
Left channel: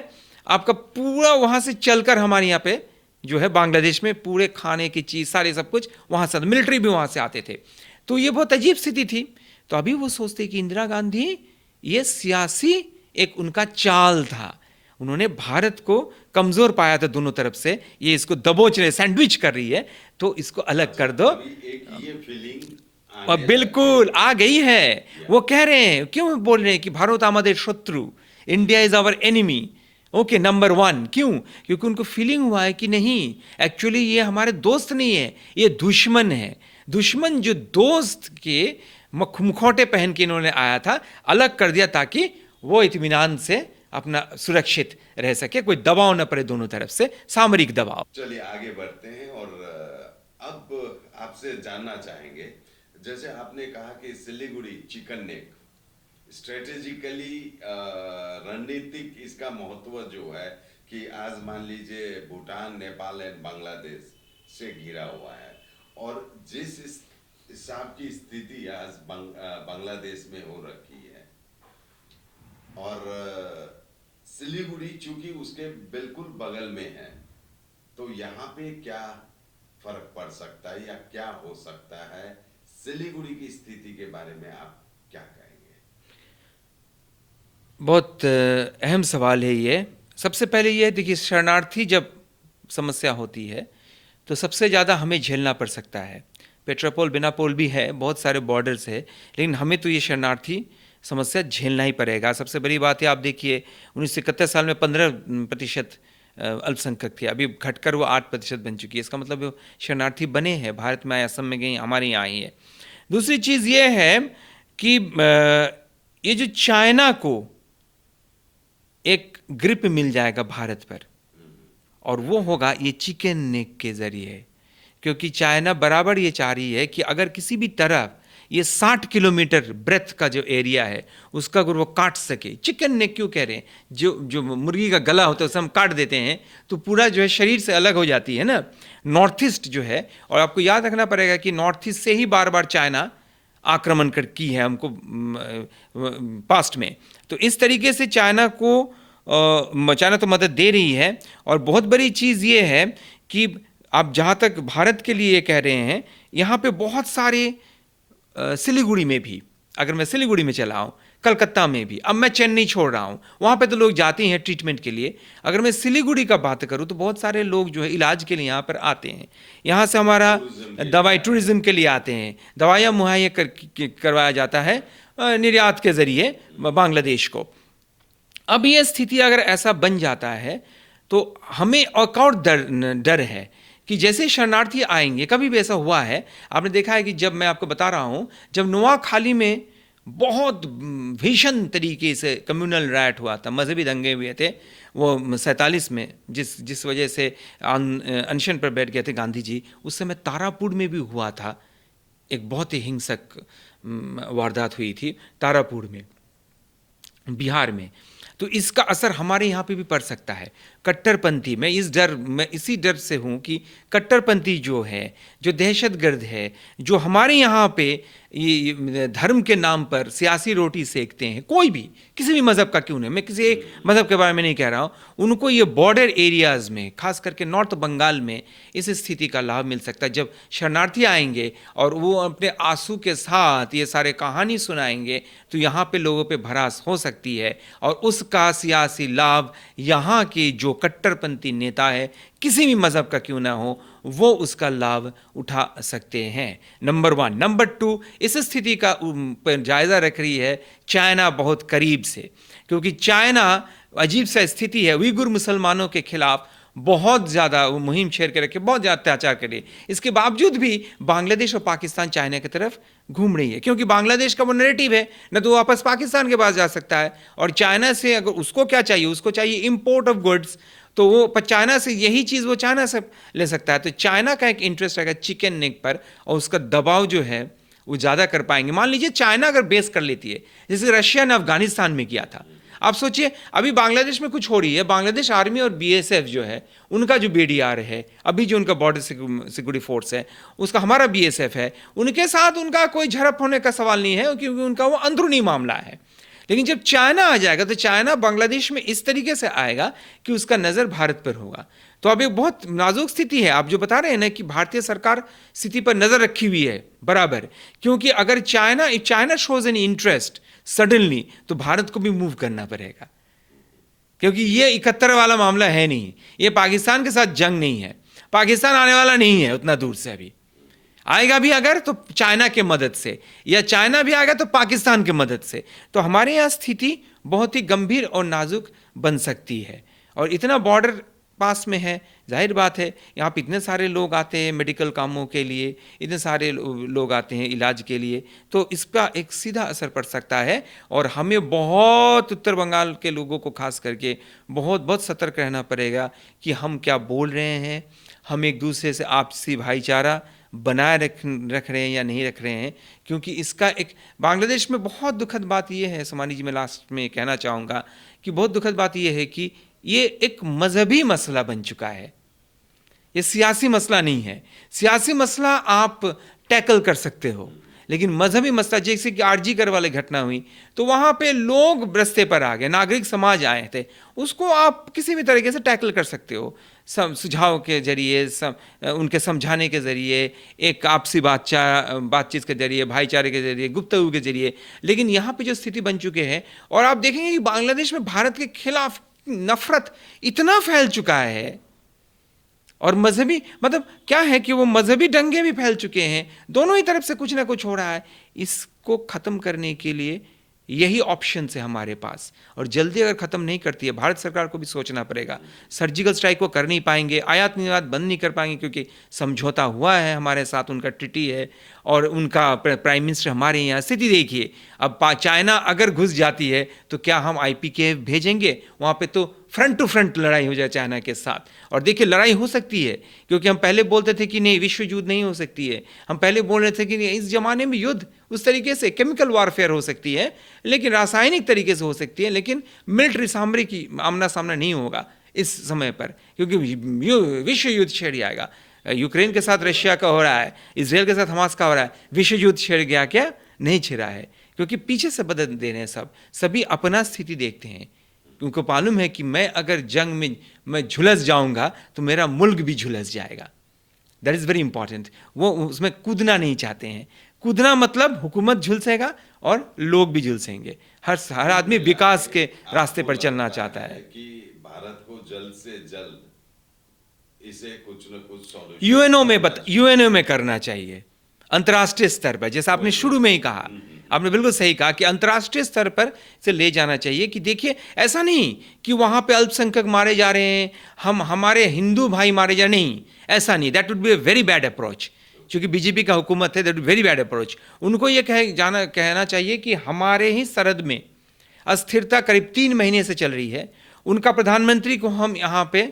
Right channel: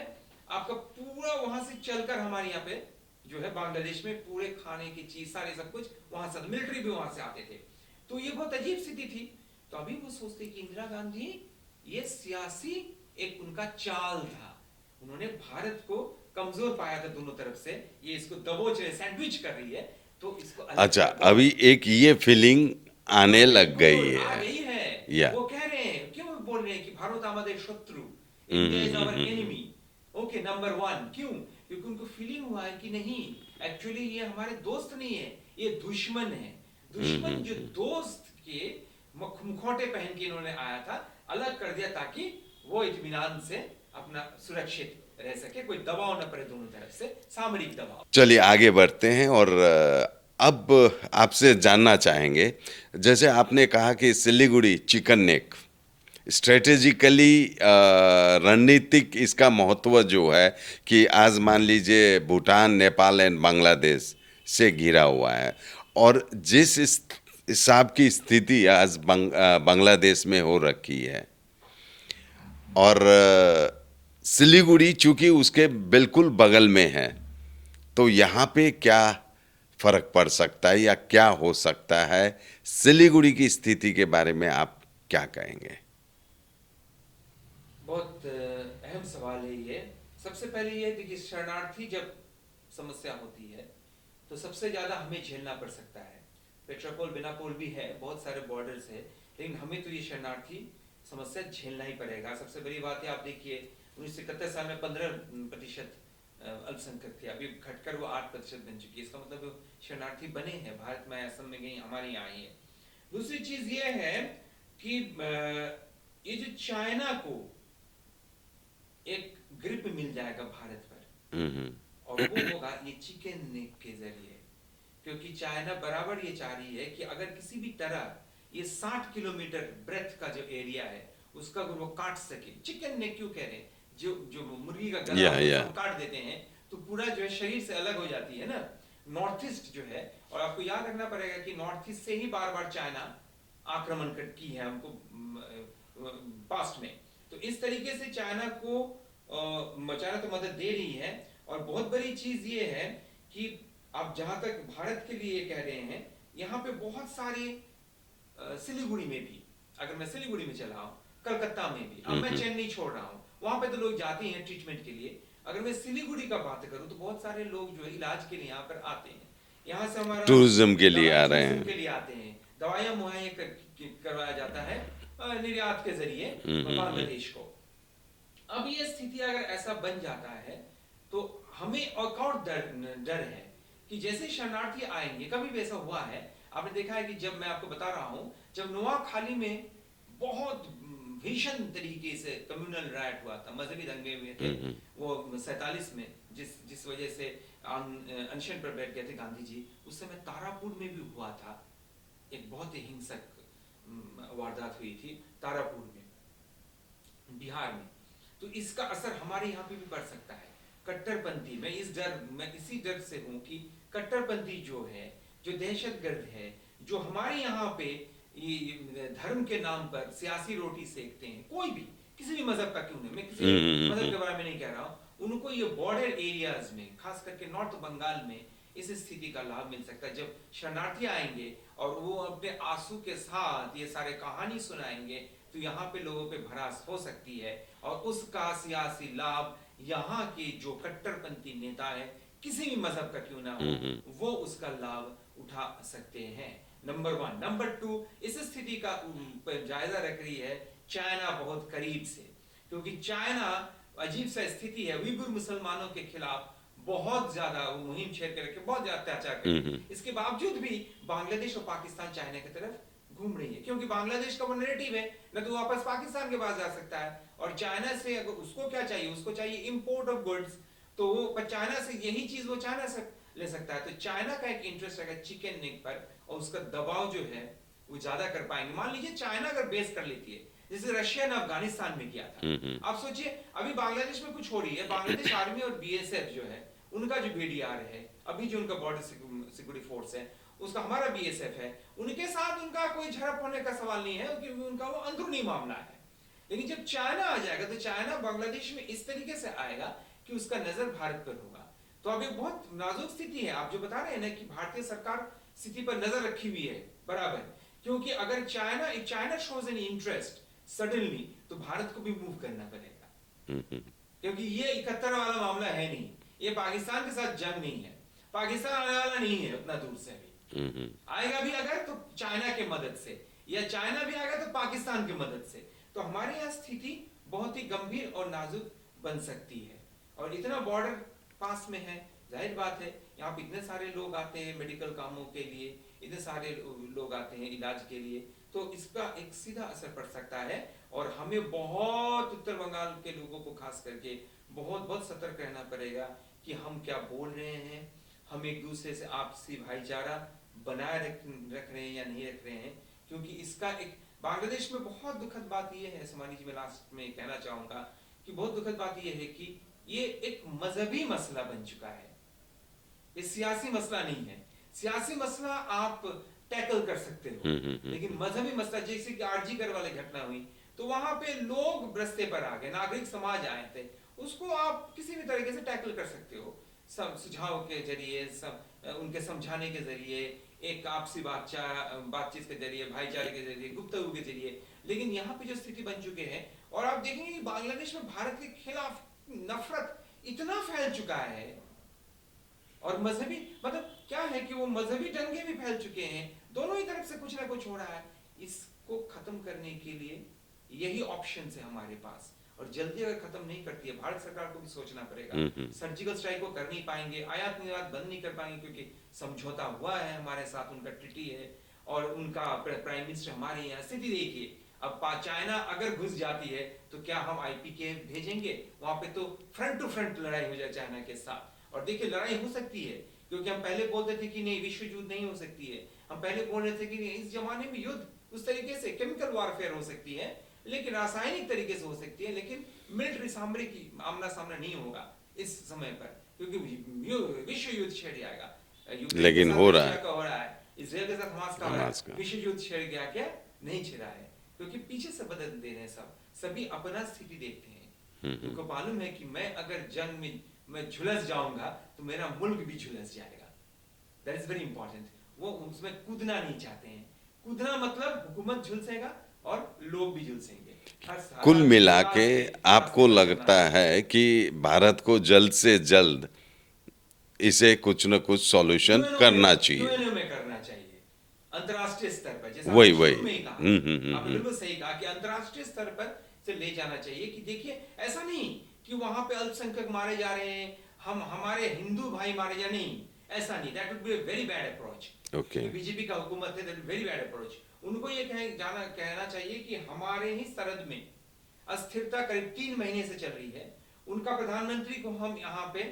आपका पूरा वहाँ से चलकर हमारे यहाँ पे जो है बांग्लादेश में पूरे खाने की चीज़ सारे सब कुछ वहाँ से, मिलिट्री भी वहाँ से आते थे। तो ये बहुत अजीब स्थिति थी। तो अभी वो सोचते कि इंदिरा गांधी ये सियासी एक उनका चाल था, उन्होंने भारत को कमज़ोर पाया था दोनों तरफ से, ये इसको दबोच रहे, सैंडविच कर रही है, तो इसको अलग कर दो। अभी एक ये फीलिंग आने लग गई बिल्कुल है। आ गई है। वो कह रहे हैं, क्यों बोल रहे हैं कि भारत हमारे शत्रु, India is our enemy, okay number 1। क्यों? क्योंकि उनको फीलिंग हुआ है कि नहीं, एक्चुअली ये हमारे दोस्त नहीं है, ये दुश्मन है। दुश्मन जो दोस्त के मुखौटे पहन के इन्होंने आया था, अलग कर दिया ताकि वो इत्मीनान से अपना सुरक्षित रह सके, कोई दबाव न पड़े दोनों तरफ से, सामरिक दबाव। चलिए आगे बढ़ते हैं और अब आपसे जानना चाहेंगे, जैसे आपने कहा कि सिलीगुड़ी चिकन नेक स्ट्रेटेजिकली रणनीतिक इसका महत्व जो है कि आज मान लीजिए भूटान, नेपाल एंड बांग्लादेश से घिरा हुआ है, और जिस हिसाब की स्थिति आज बांग्लादेश में हो रखी है, और सिलीगुड़ी चूंकि उसके बिल्कुल बगल में है, तो यहाँ पे क्या फर्क पड़ सकता है या क्या हो सकता है? सिलीगुड़ी की स्थिति के बारे में आप क्या कहेंगे? बहुत अहम सवाल है ये। सबसे पहले ये देखिए, शरणार्थी जब समस्या होती है तो सबसे ज़्यादा हमें झेलना पड़ सकता है। पेट्रापोल बेनापोल भी है, बहुत सारे बॉर्डर्स है, लेकिन हमें तो ये शरणार्थी समस्या झेलना ही पड़ेगा। सबसे बड़ी बात है, आप देखिए 1971 साल में 15% अल्पसंख्यक थे, अभी घटकर वो 8% बन चुकी है। इसका मतलब वो शरणार्थी बने हैं, भारत में आए, असम में गई, हमारे यहाँ आई है। दूसरी चीज़ ये है कि ये जो चाइना को एक ग्रिप मिल जाएगा भारत पर, और वो होगा ये चिकन नेक के जरिए, क्योंकि चाइना बराबर ये चाह रही है कि अगर किसी भी तरफ ये 60 किलोमीटर ब्रेथ का जो एरिया है उसका अगर वो काट सके, चिकन नेक क्यों कह रहे हैं, जो मुर्गी का गला होता है उसे हम काट देते हैं तो पूरा जो है शरीर से अलग हो जाती है ना, नॉर्थ ईस्ट जो है। और आपको याद रखना पड़ेगा कि नॉर्थ ईस्ट से ही बार बार चाइना आक्रमण की है हमको पास्ट में। तो इस तरीके से चाइना तो मदद दे रही है। और बहुत बड़ी चीज़ ये है कि आप जहाँ तक भारत के लिए कह रहे हैं, यहाँ पे बहुत सारे सिलीगुड़ी में भी, अगर मैं सिलीगुड़ी में चला हूँ, कलकत्ता में भी, अब मैं चेन्नई छोड़ रहा हूँ, वहाँ पे तो लोग जाते हैं ट्रीटमेंट के लिए। अगर मैं सिलीगुड़ी का बात करूँ तो बहुत सारे लोग जो है इलाज के लिए यहाँ पर आते हैं, यहाँ से हमारा टूरिज्म के लिए आते हैं, दवाइयाँ मुहैया करवाया जाता है निर्यात के जरिए बांग्लादेश को। अब ये स्थिति अगर ऐसा बन जाता है तो हमें और डर है कि जैसे शरणार्थी आएंगे, कभी भी ऐसा हुआ है, आपने देखा है कि जब मैं आपको बता रहा हूँ, जब नोआखाली में बहुत भीषण तरीके से कम्युनल राइट हुआ था, मजहबी दंगे हुए थे वो 47 में, जिस वजह से अनशन पर बैठ गए थे गांधी जी, उस समय तारापुर में भी हुआ था, एक बहुत ही हिंसक वारदात हुई थी तारापुर में, बिहार में। तो इसका असर हमारे यहाँ पे भी पड़ सकता है। कट्टरपंथी, मैं इसी डर से हूं कि कट्टरपंथी जो है, जो दहशतगर्द है, जो हमारे यहाँ पे ये धर्म के नाम पर सियासी रोटी सेकते हैं, कोई भी किसी भी मजहब का क्यों नहीं, मैं किसी एक मजहब के बारे में नहीं कह रहा हूं, उनको ये बॉर्डर एरियाज में, खास करके नॉर्थ बंगाल में इस स्थिति का लाभ मिल सकता है। जब शरणार्थी आएंगे और वो अपने आंसू के साथ ये सारे कहानी सुनाएंगे, तो यहाँ पे लोगों पे भड़ास हो सकती है और उसका सियासी लाभ यहाँ के जो कट्टरपंथी नेता है, किसी भी मजहब का क्यों ना हो, वो उसका लाभ उठा सकते हैं। नंबर 1। नंबर 2, इस स्थिति का पर जायजा रख रही है चाइना बहुत करीब से, क्योंकि चाइना अजीब सा स्थिति है, उइगुर मुसलमानों के खिलाफ बहुत ज्यादा मुहिम छेड़ के रखे, बहुत ज्यादा अत्याचार के लिए। इसके बावजूद भी बांग्लादेश और पाकिस्तान चाइना की तरफ घूम रही है, क्योंकि बांग्लादेश का वो नैरेटिव है, न तो वापस पाकिस्तान के पास जा सकता है, और चाइना से अगर उसको क्या चाहिए, उसको चाहिए इंपोर्ट ऑफ गुड्स, तो वो चाइना से यही चीज वो चाइना से ले सकता है। तो चाइना का एक इंटरेस्ट रहेगा चिकन नेक पर, और उसका दबाव जो है वो ज्यादा कर पाएंगे। मान लीजिए चाइना अगर बेस कर लेती है, जैसे रशिया ने अफगानिस्तान में किया था। आप सोचिए अभी बांग्लादेश में कुछ हो रही है, बांग्लादेश आर्मी और बीएसएफ जो है, उनका जो बीडीआर है, अभी जो उनका बॉर्डर सिक्योरिटी फोर्स है, उसका हमारा बीएसएफ है, उनके साथ उनका कोई झड़प होने का सवाल नहीं है, क्योंकि उनका वो अंदरूनी मामला है। लेकिन जब चाइना आ जाएगा, तो चाइना बांग्लादेश में इस तरीके से आएगा कि उसका नजर भारत पर होगा। तो अब एक बहुत नाजुक स्थिति है। आप जो बता रहे हैं ना कि भारतीय सरकार स्थिति पर नजर रखी हुई है बराबर, क्योंकि अगर China shows an interest suddenly, तो भारत को भी मूव करना पड़ेगा, क्योंकि ये 71 वाला मामला है नहीं, ये पाकिस्तान के साथ जंग नहीं है, पाकिस्तान आने वाला नहीं है उतना दूर से, अभी आएगा भी अगर तो चाइना के मदद से, या चाइना भी आएगा तो पाकिस्तान के मदद से। तो हमारे यहाँ स्थिति बहुत ही गंभीर और नाजुक बन सकती है। और इतना बॉर्डर पास में है, जाहिर बात है यहाँ पे इतने सारे लोग आते हैं मेडिकल कामों के लिए, इतने सारे लोग आते हैं इलाज के लिए, तो इसका एक सीधा असर पड़ सकता है। और हमें बहुत उत्तर बंगाल के लोगों को खास करके बहुत सतर्क रहना पड़ेगा कि हम क्या बोल रहे हैं, हम एक दूसरे से आपसी भाईचारा बनाए रख रहे हैं या नहीं रख रहे हैं। क्योंकि इसका एक बांग्लादेश में बहुत दुखद बात यह है, समानी जी, मैं लास्ट में कहना चाहूँगा कि बहुत दुखद बात यह है कि ये एक मजहबी मसला बन चुका है, ये सियासी मसला नहीं है। सियासी मसला आप टैकल कर सकते हो, लेकिन मजहबी मसला, जैसे कि आरजी कर वाली घटना हुई, तो वहां पे लोग रस्ते पर आ गए, नागरिक समाज आए थे, उसको आप किसी भी तरीके से टैकल कर सकते हो, सुझाव के जरिए, उनके समझाने के जरिए, एक आपसी बातचीत के जरिए, भाईचारे के जरिए, गुफ्तगू के जरिए। लेकिन यहाँ पे जो स्थिति बन चुके हैं, और आप देखेंगे कि बांग्लादेश में भारत के खिलाफ नफरत इतना फैल चुका है, और मजहबी मतलब क्या है कि वो मजहबी दंगे भी फैल चुके हैं, दोनों ही तरफ से कुछ ना कुछ हो रहा है। इसको खत्म करने के लिए यही ऑप्शन है हमारे पास, और जल्दी अगर खत्म नहीं करती है, भारत सरकार को भी सोचना पड़ेगा। सर्जिकल स्ट्राइक को कर नहीं पाएंगे, आयात निर्यात बंद नहीं कर पाएंगे, क्योंकि समझौता हुआ है हमारे साथ, उनका ट्रीटी है, और उनका प्राइम मिनिस्टर हमारे यहाँ। स्थिति देखिए, अब चाइना अगर घुस जाती है तो क्या हम IPK भेजेंगे वहाँ पे? तो फ्रंट टू फ्रंट लड़ाई हो जाए चाइना के साथ। और देखिए लड़ाई हो सकती है, क्योंकि हम पहले बोलते थे कि नहीं विश्व युद्ध नहीं हो सकती है, हम पहले बोल रहे थे कि इस जमाने में युद्ध उस तरीके से केमिकल वारफेयर हो सकती है, लेकिन रासायनिक तरीके से हो सकती है, लेकिन मिलिट्री सामरिक आमना सामना नहीं होगा इस समय पर, क्योंकि विश्व युद्ध छिड़ जाएगा। यूक्रेन के साथ रशिया का हो रहा है, इसराइल के साथ हमास का हो रहा है, विश्व युद्ध छिड़ गया क्या? नहीं छिड़ा है, क्योंकि पीछे से बदल दे रहे हैं सभी अपना स्थिति देखते हैं। उनको मालूम है कि मैं अगर जंग में मैं झुलस जाऊंगा तो मेरा मुल्क भी झुलस जाएगा। That is very important. वो उसमें कूदना नहीं चाहते हैं। कूदना मतलब हुकूमत झुलसेगा और लोग भी झुलसेंगे, हर आदमी विकास के रास्ते पर चलना चाहता है कि भारत को जल्द से जल्द इसे कुछ न कुछ सॉल्यूशन यूएनओ में करना चाहिए, अंतर्राष्ट्रीय स्तर पर, जैसा आपने शुरू में ही कहा। आपने बिल्कुल सही कहा कि अंतर्राष्ट्रीय स्तर पर से ले जाना चाहिए। कि देखिए ऐसा नहीं कि वहां पे अल्पसंख्यक मारे जा रहे हैं, हमारे हिंदू भाई मारे जा, नहीं, ऐसा नहीं। That would be a very bad approach, क्योंकि बीजेपी का हुकूमत है, दैट वेरी बैड अप्रोच। उनको ये कहना चाहिए कि हमारे ही सरहद में अस्थिरता करीब 3 महीने से चल रही है, उनका प्रधानमंत्री को हम यहाँ पे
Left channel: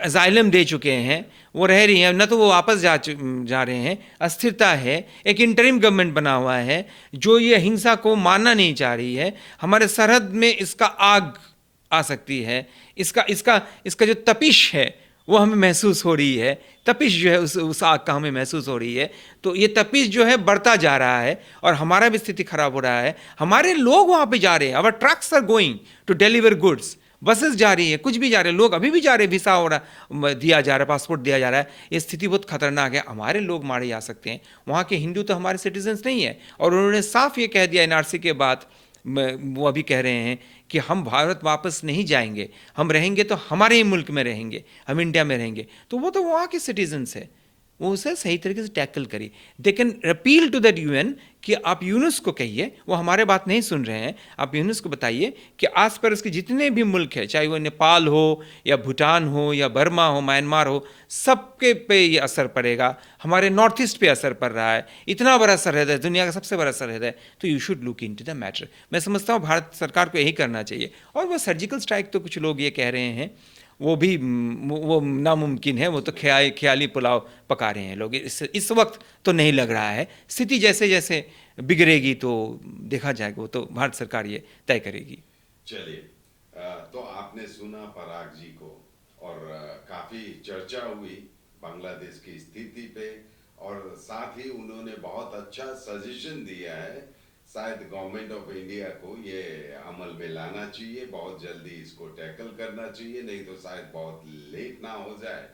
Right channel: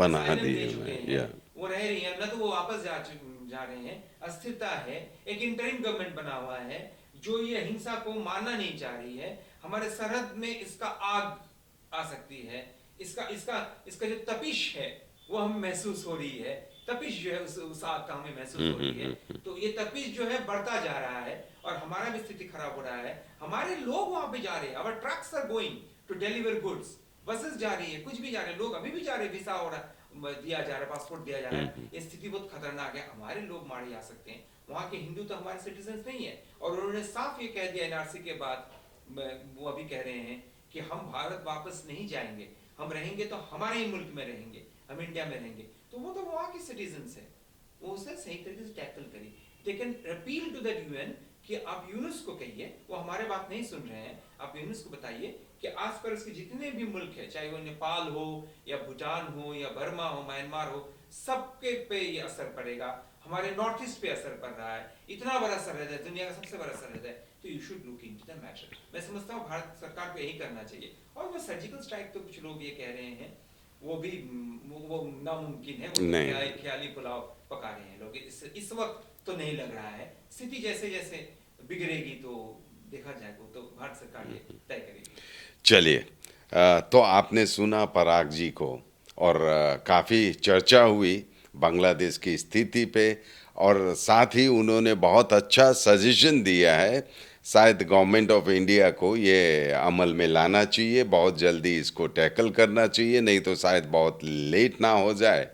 अजाइलम दे चुके हैं, वो रह रही हैं, न तो वो वापस जा रहे हैं, अस्थिरता है, एक इंटरिम गवर्नमेंट बना हुआ है जो ये हिंसा को मानना नहीं चाह रही है। हमारे सरहद में इसका आग आ सकती है, इसका इसका इसका जो तपिश है वो हमें महसूस हो रही है, तपिश जो है उस आग का हमें महसूस हो रही है। तो ये तपिश जो है बढ़ता जा रहा है और हमारा भी स्थिति खराब हो रहा है। हमारे लोग वहाँ पे जा रहे हैं, our trucks are going to deliver goods, buses जा रही है, कुछ भी जा रहे हैं, लोग अभी भी जा रहे हैं, वीसा हो रहा दिया जा रहा है, पासपोर्ट दिया जा रहा है। ये स्थिति बहुत खतरनाक है, हमारे लोग मारे जा सकते हैं। वहाँ के हिंदू तो हमारे सिटीजन्स नहीं है और उन्होंने साफ ये कह दिया एनआरसी के बाद, वो अभी कह रहे हैं कि हम भारत वापस नहीं जाएंगे, हम रहेंगे तो हमारे ही मुल्क में रहेंगे, हम इंडिया में रहेंगे। तो वो तो वहाँ के सिटीजन्स है, वो उसे सही तरीके से टैकल करिए। They can appeal to that UN कि आप यूनुस को कहिए, वो हमारे बात नहीं सुन रहे हैं, आप यूनुस को बताइए कि आस पास के जितने भी मुल्क हैं, चाहे वो नेपाल हो या भूटान हो या बर्मा हो, म्यांमार हो, सबके पे ये असर पड़ेगा। हमारे नॉर्थ ईस्ट पे असर पड़ रहा है, इतना बड़ा सरहद है, दुनिया का सबसे बड़ा सरहद है, तो you should look into the matter. मैं समझता हूँ भारत सरकार को यही करना चाहिए। और वो सर्जिकल स्ट्राइक तो कुछ लोग ये कह रहे हैं वो भी वो नामुमकिन है, वो तो ख्याली पुलाव पका रहे हैं लोग। इस वक्त तो नहीं लग रहा है। स्थिति जैसे जैसे बिगड़ेगी तो देखा जाएगा, वो तो भारत सरकार ये तय करेगी। चलिए, तो आपने सुना पराग जी को, और काफ़ी चर्चा हुई बांग्लादेश की स्थिति पे, और साथ ही उन्होंने बहुत अच्छा सजेशन दिया है। शायद गवर्नमेंट ऑफ इंडिया को ये अमल में लाना चाहिए, बहुत जल्दी इसको टैकल करना चाहिए, नहीं तो शायद बहुत लेट ना हो जाए।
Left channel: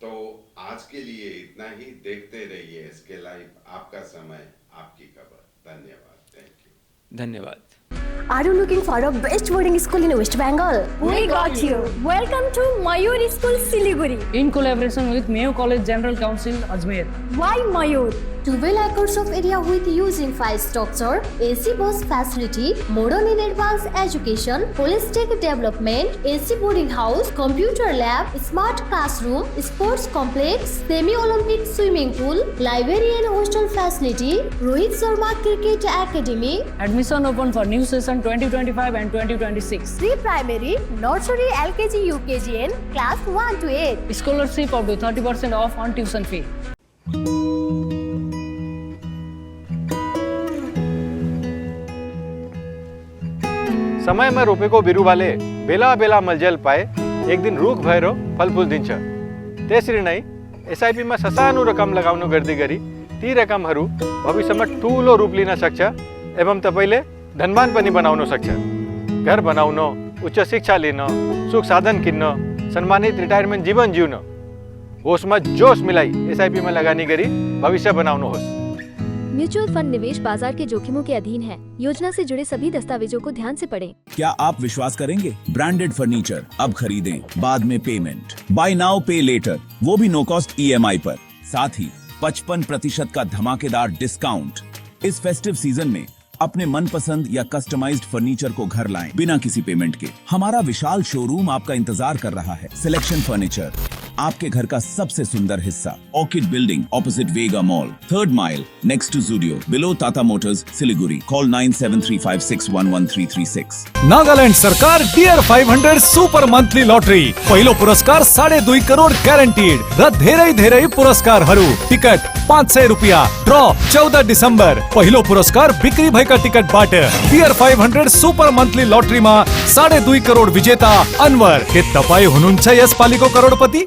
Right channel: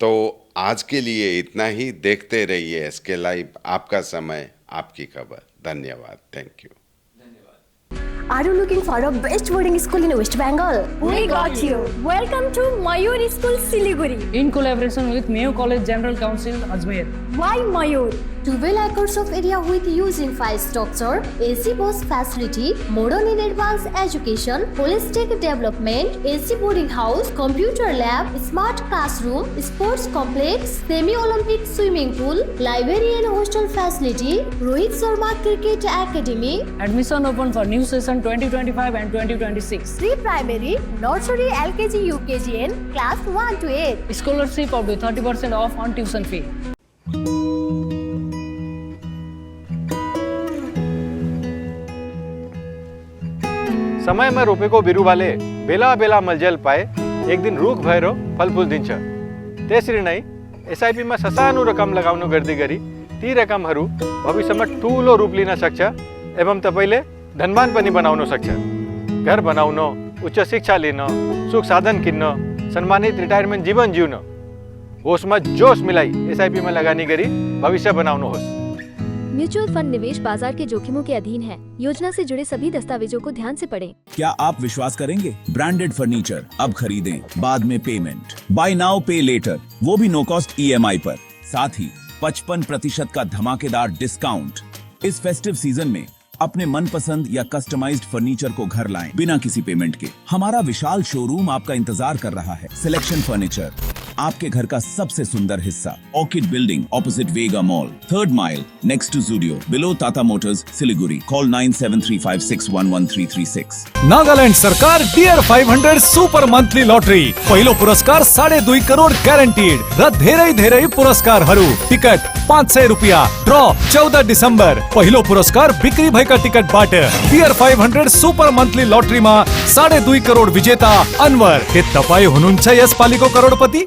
तो आज के लिए इतना ही। देखते रहिए SK लाइव, आपका समय आपकी खबर। धन्यवाद, थैंक यू। धन्यवाद। Are you looking for a best boarding school in West Bengal? We got you. Welcome to Mayur School, Siliguri. In collaboration with Mayo College General Council, Ajmer. Why Mayur? 12 acres of area with using 5 structure, AC bus facility, modern and advanced education, holistic development, AC boarding house, computer lab, smart classroom, sports complex, semi-Olympic swimming pool, library and hostel facility, Rohit Sharma Cricket Academy. Admission open for new session 2025 and 2026. Pre-primary, nursery, LKG, UKG and class 1 to 8. Scholarship up to 30% off on tuition fee. समय में रोपे को बिरु वाले बेला बेला मलजल पाए एक दिन रूख भैरो फलफूल दिन्छ त्यसरी नै एसआईपी मा ससानो रकम लगाउनु गर्दै गरी ती रकमहरू भविष्यमा ठूलो रूप लिन सक्छ एवं तपाईले धनवान पनि बनाउन सक्छ। घर बनाउन, उच्च शिक्षा लिन, सुख साधन किन्न, सम्मानित रिटायरमेन्ट जीवन जिउन, होसमा जोश मिलाई एसआईपी मा लगानी गरी भविष्य बनाउनुहोस्। म्यूचुअल फंड निवेश बाजार के जोखिमों के अधीन है। योजना से जुड़े सभी दस्तावेजों को ध्यान से पढ़ें। क्या आप विश्वास करेंगे? ब्रांडेड फर्नीचर अब खरीदें, बाद में पेमेंट, बाय नाउ पे लेटर, वो भी नो कॉस्ट EMI पर। साथ ही 55% का धमाकेदार डिस्काउंट। इस फेस्टिव सीजन में अपने मनपसंद या कस्टमाइज्ड फर्नीचर को घर लाएं बिना किसी पेमेंट के। हमारा विशाल शोरूम आपका इंतजार कर रहा है। सिलेक्शन फर्नीचर, आपके घर का सबसे सुंदर हिस्सा। Orchid building opposite Vega mall, 3rd mile next to Zudio, below Tata Motors, Siliguri. Call 9735611336। Nagaland सरकार डियर 500 सुपर मंथली लॉटरी पहिलो पुरस्कार 2.5 करोड़ ग्यारेन्टीड र धेरै धेरै पुरस्कारहरू। टिकट 500 रुपियाँ। ड्र 14 डिसेम्बर। पहिलो पुरस्कार बिक्री भएका टिकटबाट। डियर 500 सुपर मंथली लॉटरीमा 2.5 करोड़ विजेता अनवर। के तपाईँ हुनुहुन्छ यसपालिको करोडपति?